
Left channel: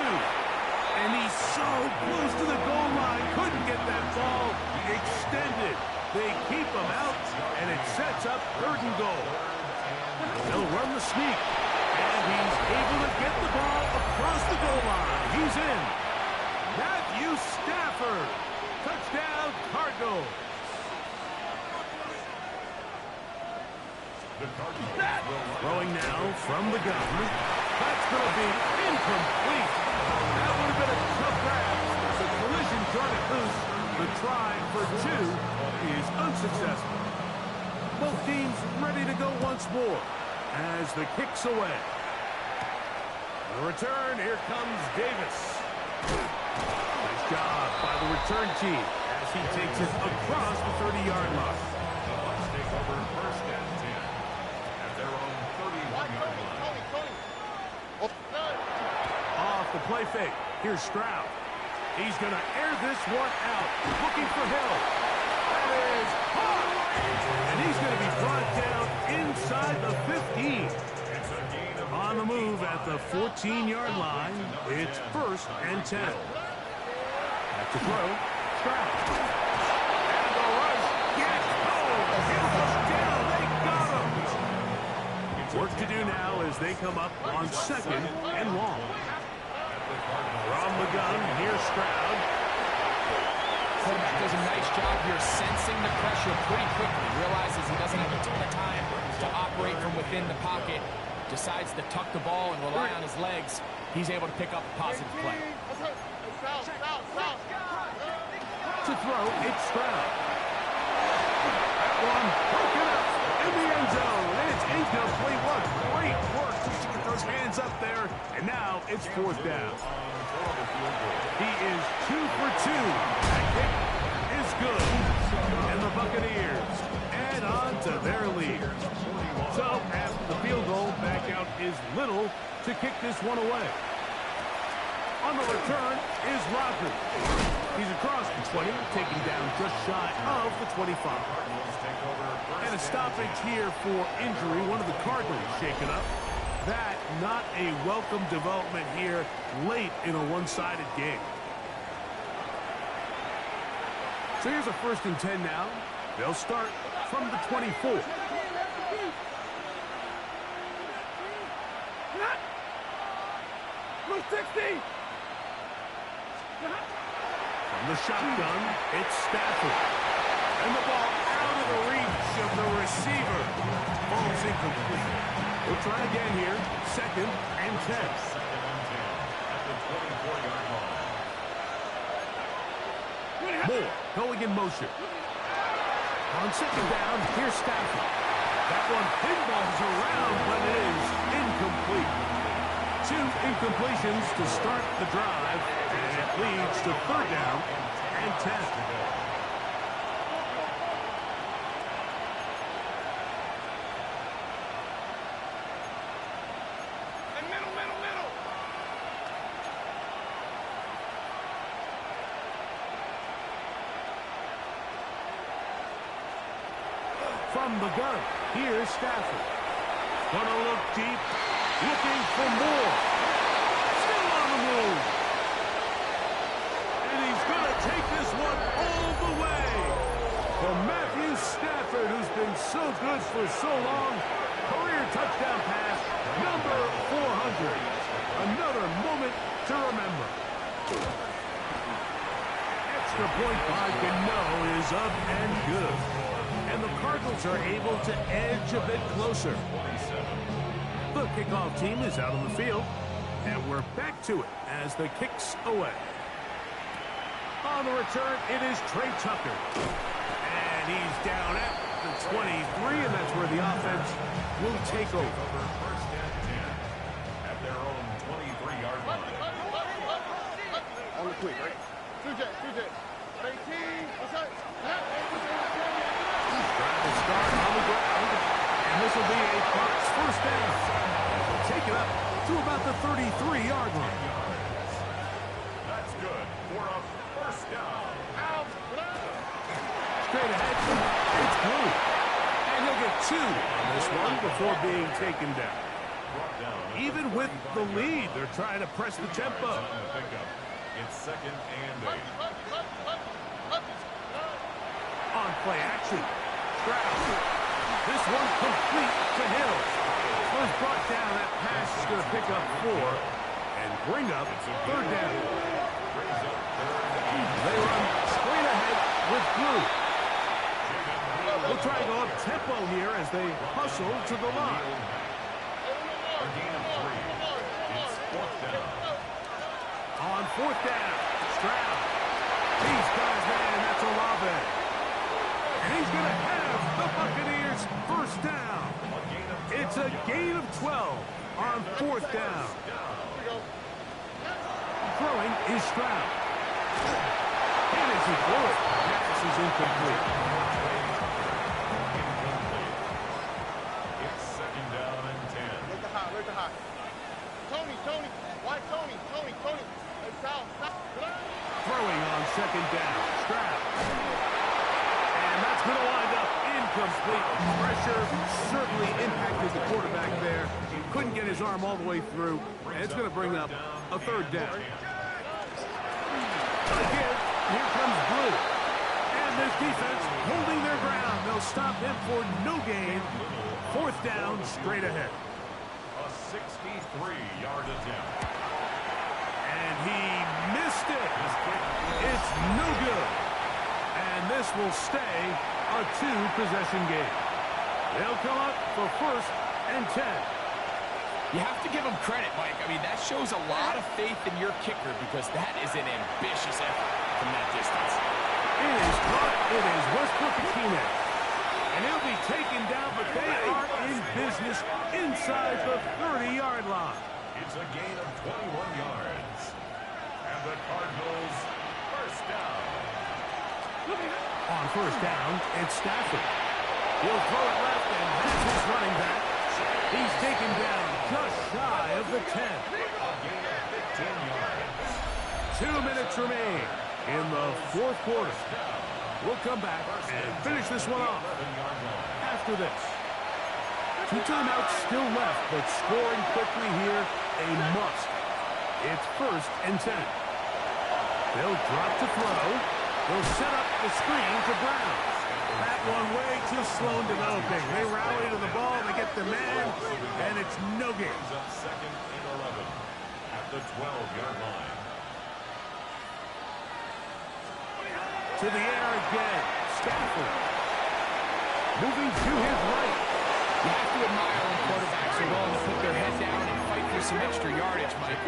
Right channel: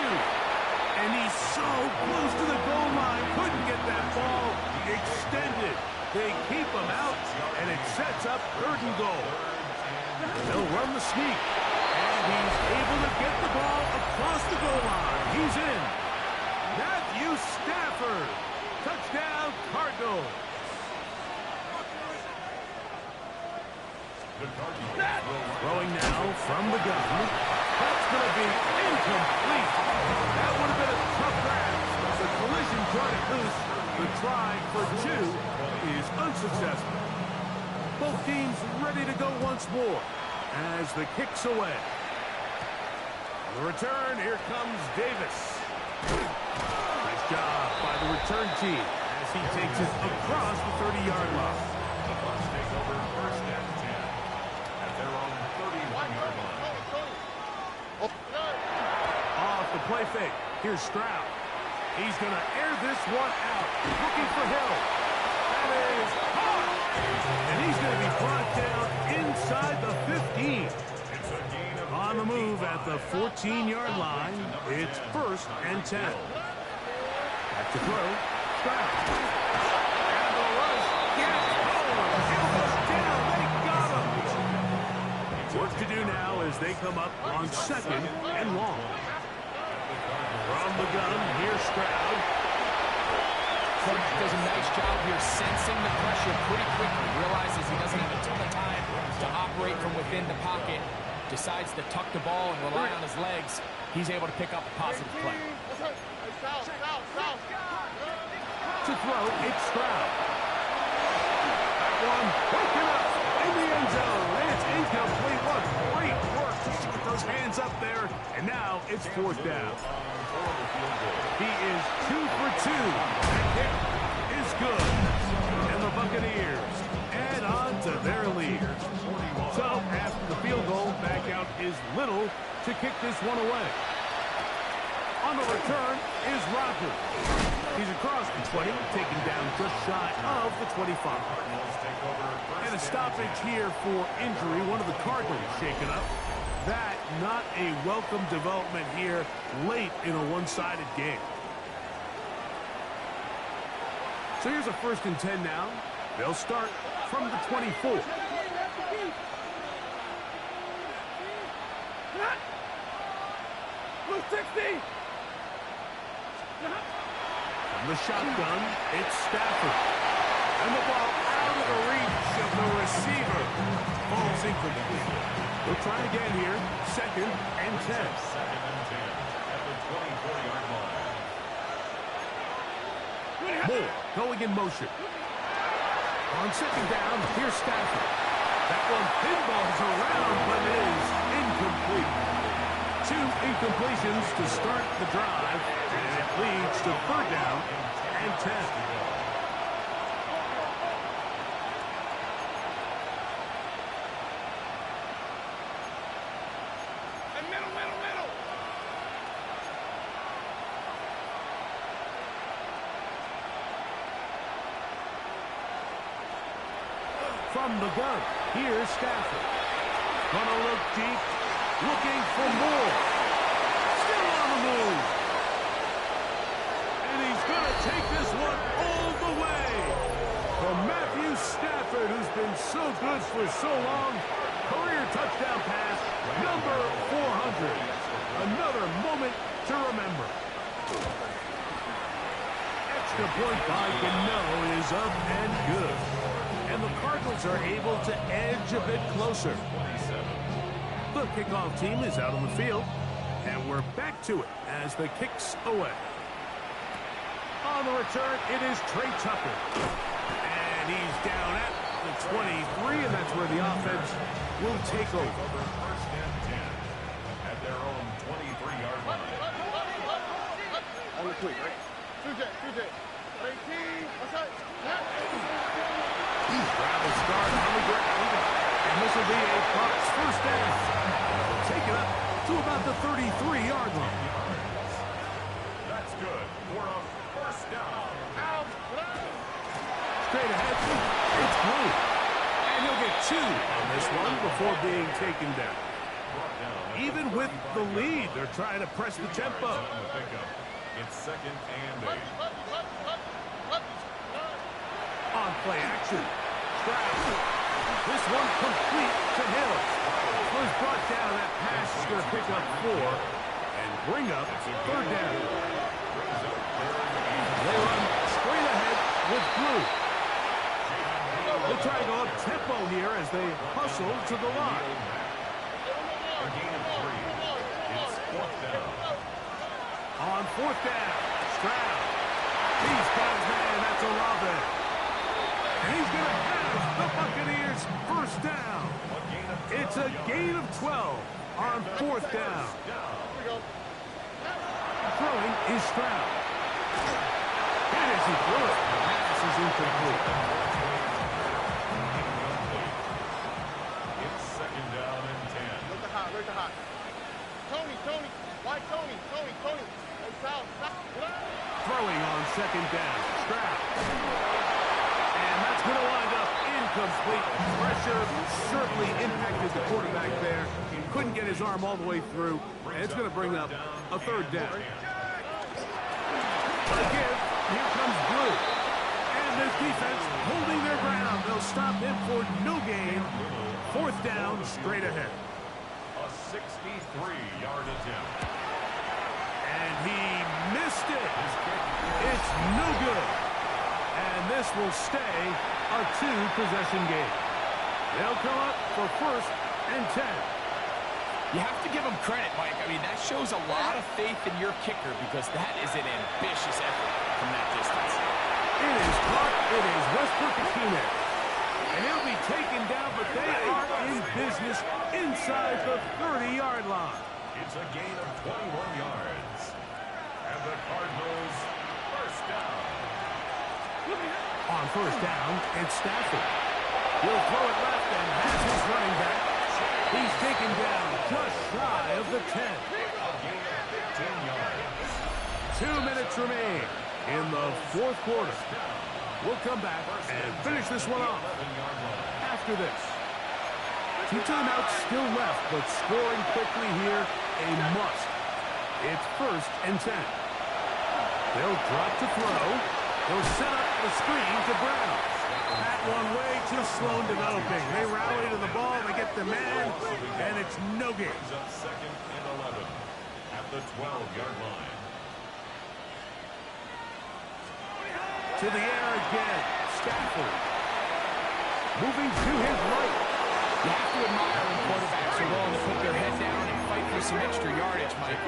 And he's so close to the goal line. Couldn't get that ball extended. They keep him out, and it sets up third and goal. They'll run the sneak. And he's able to get the ball across the goal line. He's in. Matthew Stafford. Touchdown, Cardinals. Throwing now from the gun. That's going to be incomplete. That would have been a tough grab. The collision turned it loose. The try for 2 is unsuccessful. Both teams ready to go once more as the kick's away. On the return, here comes Davis. Nice job by the return team as he takes it across the 30-yard line. The Bucs take over first and 10 at their own 31-yard line. Off the play fake. Here's Stroud. He's going to air this one out. Looking for Hill. That is hard. And he's going to be brought down inside the 15. On the move at the 14-yard line. It's first and 10. Back to throw. Stroud. And the rush gets home. Hill goes down. They got him. Work to do now as they come up on second and long. From the gun, here's Stroud. Quarterback does a nice job here sensing the pressure pretty quickly. Realizes he doesn't have a ton of time to operate from within the pocket. Decides to tuck the ball and rely on his legs. He's able to pick up a positive play. To throw, it's Stroud. That one broken up in the end zone. It's incomplete. What great work just to get those hands up there. And now it's fourth down. He is 2 for 2. That kick is good. And the Buccaneers add on to their lead. So after the field goal, back out is Little to kick this one away. On the return is Rodgers. He's across the 20, taken down just shy of the 25. And a stoppage here for injury. One of the Cardinals shaken up. That not a welcome development here late in a one-sided game. So here's a first and 10 now. They'll start from the 24. From the shotgun, it's Stafford. And the ball out of the reach of the receiver. Ball's incomplete. We'll try again here. Second and 10. Second and 10 at the 24-yard line. Moore going in motion. On second down, here's Stafford. That one pinballs around, but it is incomplete. 2 incompletions to start the drive, and it leads to third down and 10. From the gun, here's Stafford. Gonna look deep, looking for more. Still on the move. And he's gonna take this one all the way. For Matthew Stafford, who's been so good for so long. Career touchdown pass, number 400. Another moment to remember. extra point by Gano is up and good. And the Cardinals are able to edge a bit closer. The kickoff team is out on the field, and we're back to it as the kick's away. On the return, it is Trey Tucker. And he's down at the 23, and that's where the offense will take over. First and 10 at their own 23-yard line. On the quick, right? 2J. 18. Outside. Drive will start on the ground, and this will be a Bucs first down. They'll take it up to about the 33-yard line. That's good for a first down. Straight ahead, it's Blue. And he'll get 2 on this one before being taken down. Even with the lead, they're trying to press the tempo. It's second and 8. On play action, Stroud. This one complete to Hill. Was brought down. That pass is going to pick up 4 and bring up third down. They run straight ahead with Blue. They'll try to go up tempo here as they hustle to the line. A gain of 3. It's fourth down. On fourth down, Stroud. He's got his man, that's Olave. And he's going to have the Buccaneers first down. It's a gain of 12 on fourth down. Throwing is Stroud. And as he threw it, pass is incomplete. It's second down and 10. Look the hot. Tony. Why Tony? Hey, South. Throwing on second down, Stroud. And that's going to wind up incomplete. Pressure certainly impacted the quarterback there. Couldn't get his arm all the way through. And it's going to bring up a third down. Again, here comes Blue. And this defense holding their ground. They'll stop him for no gain. Fourth down, straight ahead. A 63-yard attempt. And he missed it. It's no good. And this will stay a 2-possession game. They'll come up for first and 10. You have to give him credit, Mike. I mean, that shows a lot of faith in your kicker because that is an ambitious effort from that distance. It is caught. It is Westbrook-Akine. And he'll be taken down, but they are in business inside the 30-yard line. It's a gain of 21 yards. And the Cardinals first down. On first down, it's Stafford. He'll throw it left and has his running back. He's taken down just shy of the 10. A gain of 15 yards. 2 minutes remain in the fourth quarter. We'll come back and finish this one off after this. 2 timeouts still left, but scoring quickly here, a must. It's first and 10. They'll drop to throw. They'll set up the screen to Brown. That one way too slow in developing. They rally to the ball, they get the man, and it's no gain. Up second and 11 at the 12-yard line. To the air again, Stafford. Moving to his right. You have to admire when quarterbacks are willing to put their head down and fight for some extra yardage, Mike.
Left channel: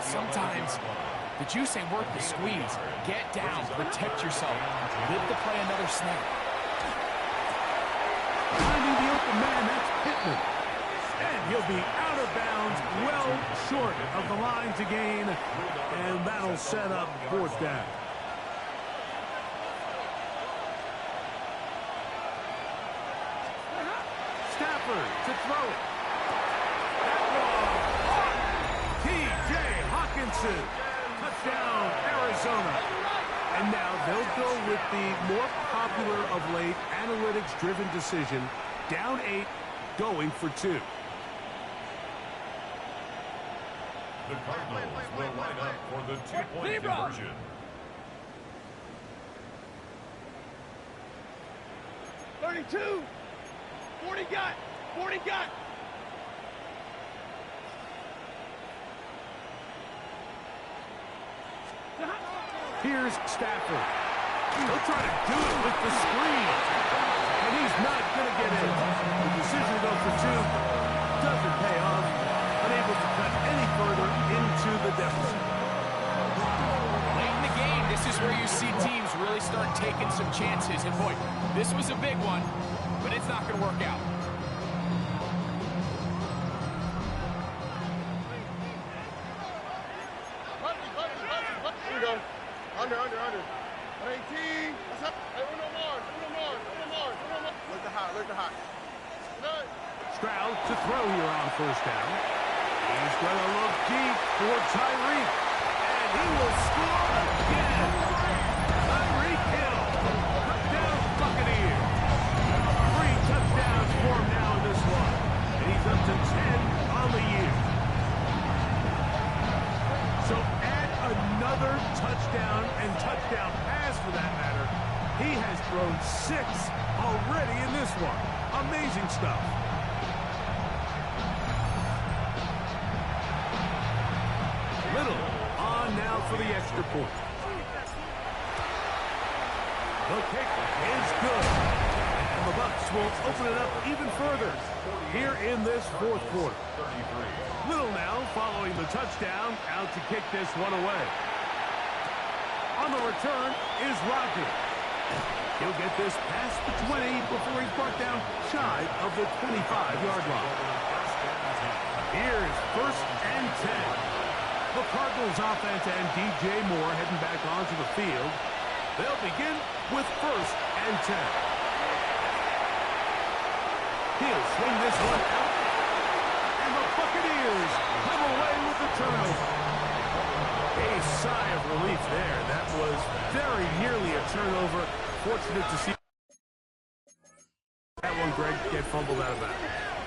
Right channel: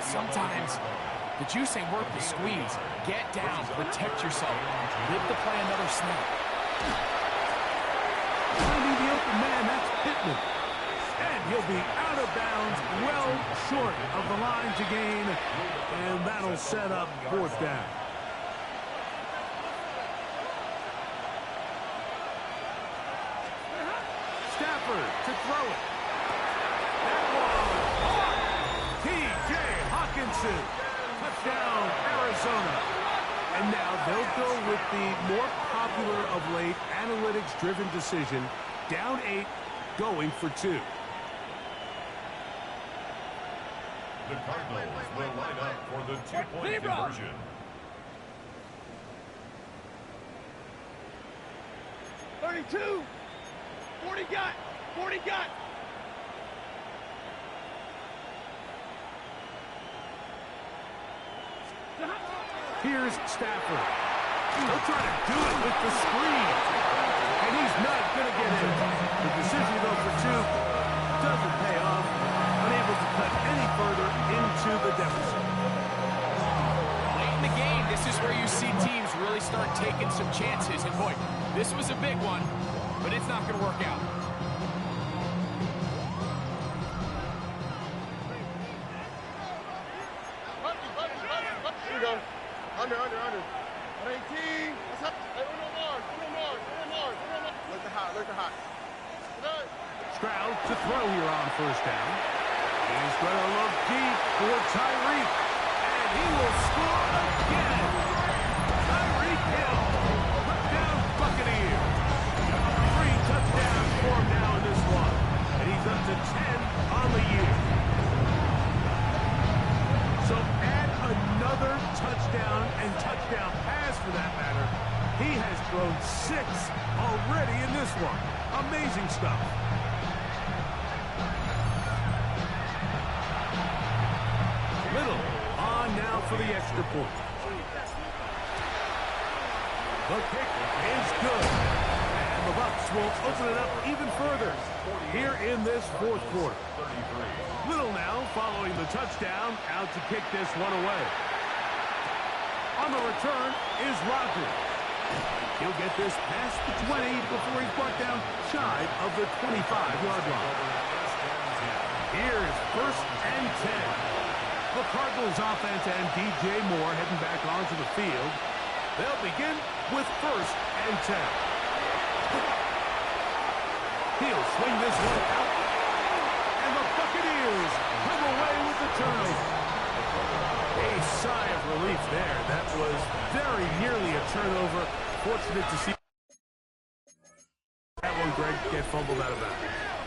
Sometimes the juice ain't worth the squeeze. Get down, protect yourself, live to play another snap. Finding the open man, that's Pittman. And he'll be out of bounds, well short of the line to gain, and that'll set up fourth down. Stafford to throw it. That one on T.J. Hawkinson. Touchdown, Arizona. And now they'll go with the more popular of late analytics-driven decision. Down 8, going for 2. The Cardinals will line up for the 2-point conversion. $32. 40 got. Here's Stafford. He'll try to do it with the screen. And he's not going to get in. The decision to go for two doesn't pay off. Unable to cut any further into the deficit. Late in the game, this is where you see teams really start taking some chances. And boy, this was a big one, but it's not going to work out. Here we go. Under. 18. That's up. Hey, uno more. Look the hot. Good. Stroud to throw here on first down. He's going to look deep for Tyreek. And he will score again. Tyreek Hill. Touchdown Buccaneers. 3 touchdowns for him now in this one. And he's up to 10 on the year. So add another touchdown and touchdown pass for that matter. He has thrown 6 already in this one. Amazing stuff. Little on now for the extra point. The kick is good. And the Bucs will open it up even further here in this fourth quarter. Little now following the touchdown, out to kick this one away. On the return is Rodgers. He'll get this past the 20 before he's brought down shy of the 25-yard line. Here's 1st and 10. The Cardinals offense and DJ Moore heading back onto the field. They'll begin with 1st and 10. He'll swing this one out. And the Buccaneers come away with the turnover. A sigh of relief there. That was very nearly a turnover. Fortunate to see that one, Greg, get fumbled out of bounds.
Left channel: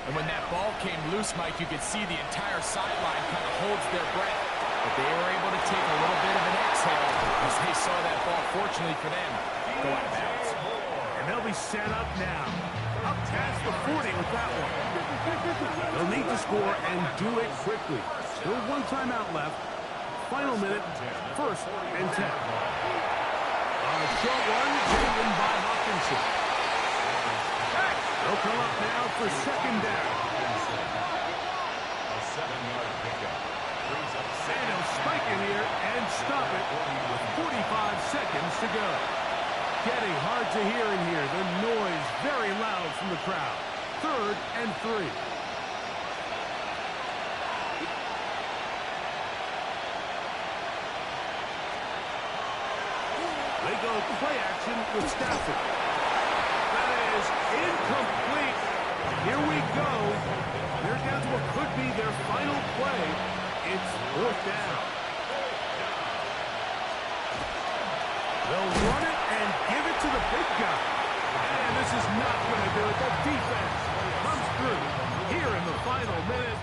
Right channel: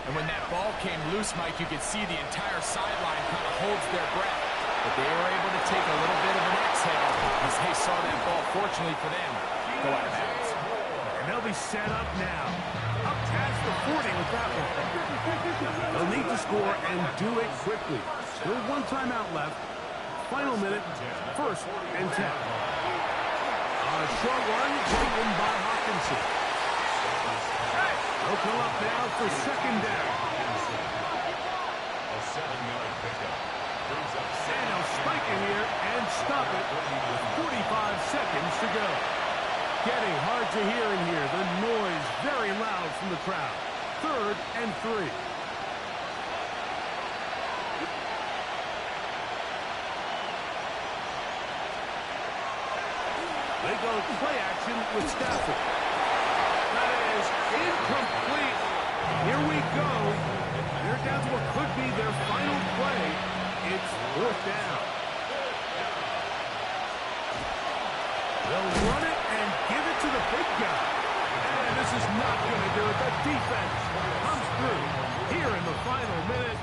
And when that ball came loose, Mike, you could see the entire sideline kind of holds their breath. But they were able to take a little bit of an exhale as they saw that ball, fortunately for them, go out of bounds. And they'll be set up now. Up past the 40 with that one. They'll need to score and do it quickly. Still 1 timeout left. Final minute, 1st and 10. A short one taken by Hawkinson. They'll come up now for 2nd down. A 7-yard pickup. And he'll spike it here and stop it with 45 seconds to go. Getting hard to hear in here. The noise very loud from the crowd. 3rd and 3. They go play action with Stafford. That is incomplete. Here we go. They're down to what could be their final play. It's 4th down. They'll run it and give it to the big guy. And this is not going to do it. The defense comes through here in the final minute.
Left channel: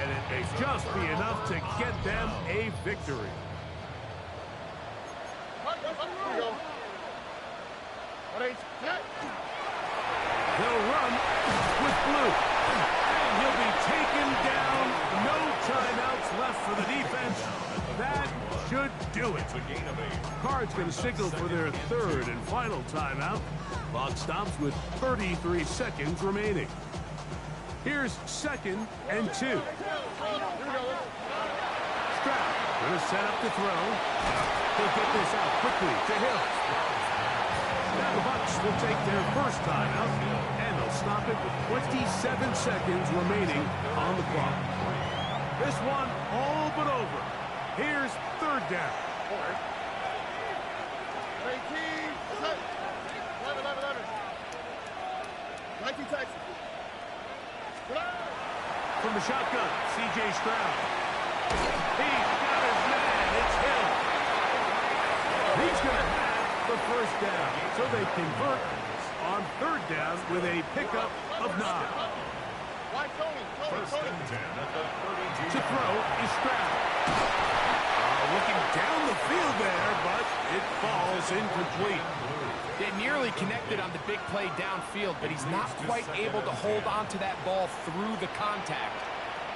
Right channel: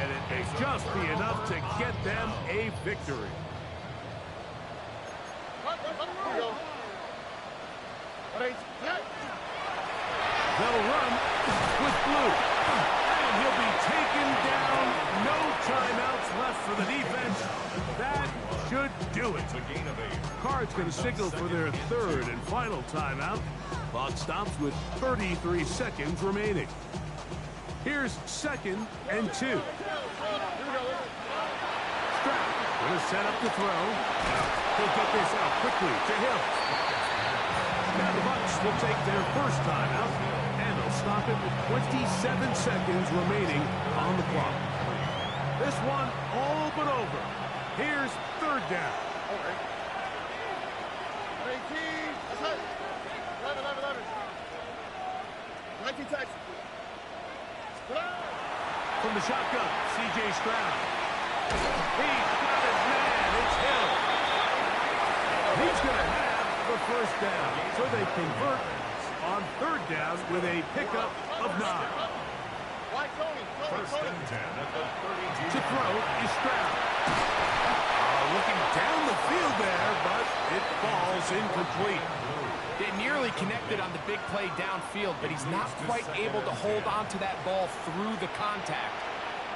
And it may just be enough to get them a victory. They'll run with Blue. And he'll be taken down. No timeouts left for the defense. That should do it. Cards going to signal for their 3rd and final timeout. Clock stops with 33 seconds remaining. Here's 2nd and 2. Stroud going to set up to throw. He'll get this out quickly to Hill. Now the Bucs will take their 1st timeout, and they'll stop it with 27 seconds remaining on the clock. This one all but over. Here's 3rd down. 18. That's it. 11. 19 Texas. From the shotgun, C.J. Stroud. He's got his man. It's Hill. He's going to have the 1st down. So they convert on 3rd down with a pickup of 9. Why Tony? 1st and 10 at the 32. To throw is Stroud. Looking down the field there, but it falls incomplete. They nearly connected on the big play downfield, but he's not quite able to hold on to that ball through the contact.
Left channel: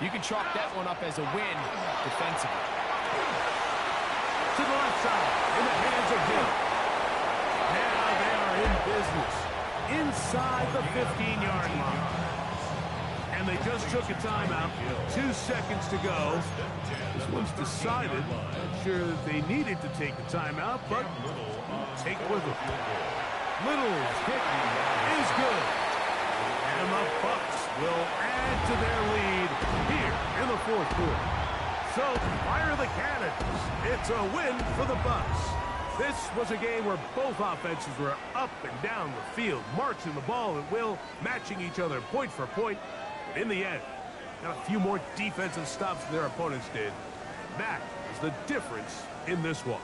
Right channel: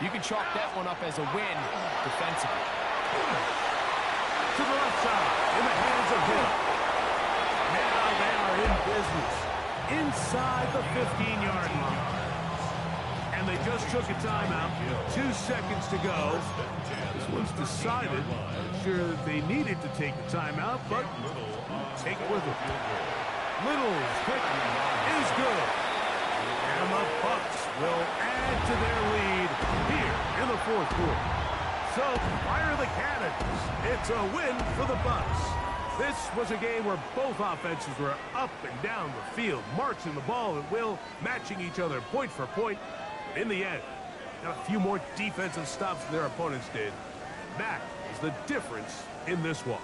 You can chalk that one up as a win defensively. to the left side, in the hands of Hill. Now they are in business, inside the 15-yard line. And they just took a timeout, 2 seconds to go. This one's decided. Not sure that they needed to take the timeout, but take it with them. Little's kick is good. And the Bucks will add to their lead here in the fourth quarter. So, fire the cannons. It's a win for the Bucks. This was a game where both offenses were up and down the field, marching the ball at will, matching each other point for point. But in the end, got a few more defensive stops than their opponents did. That is the difference in this one.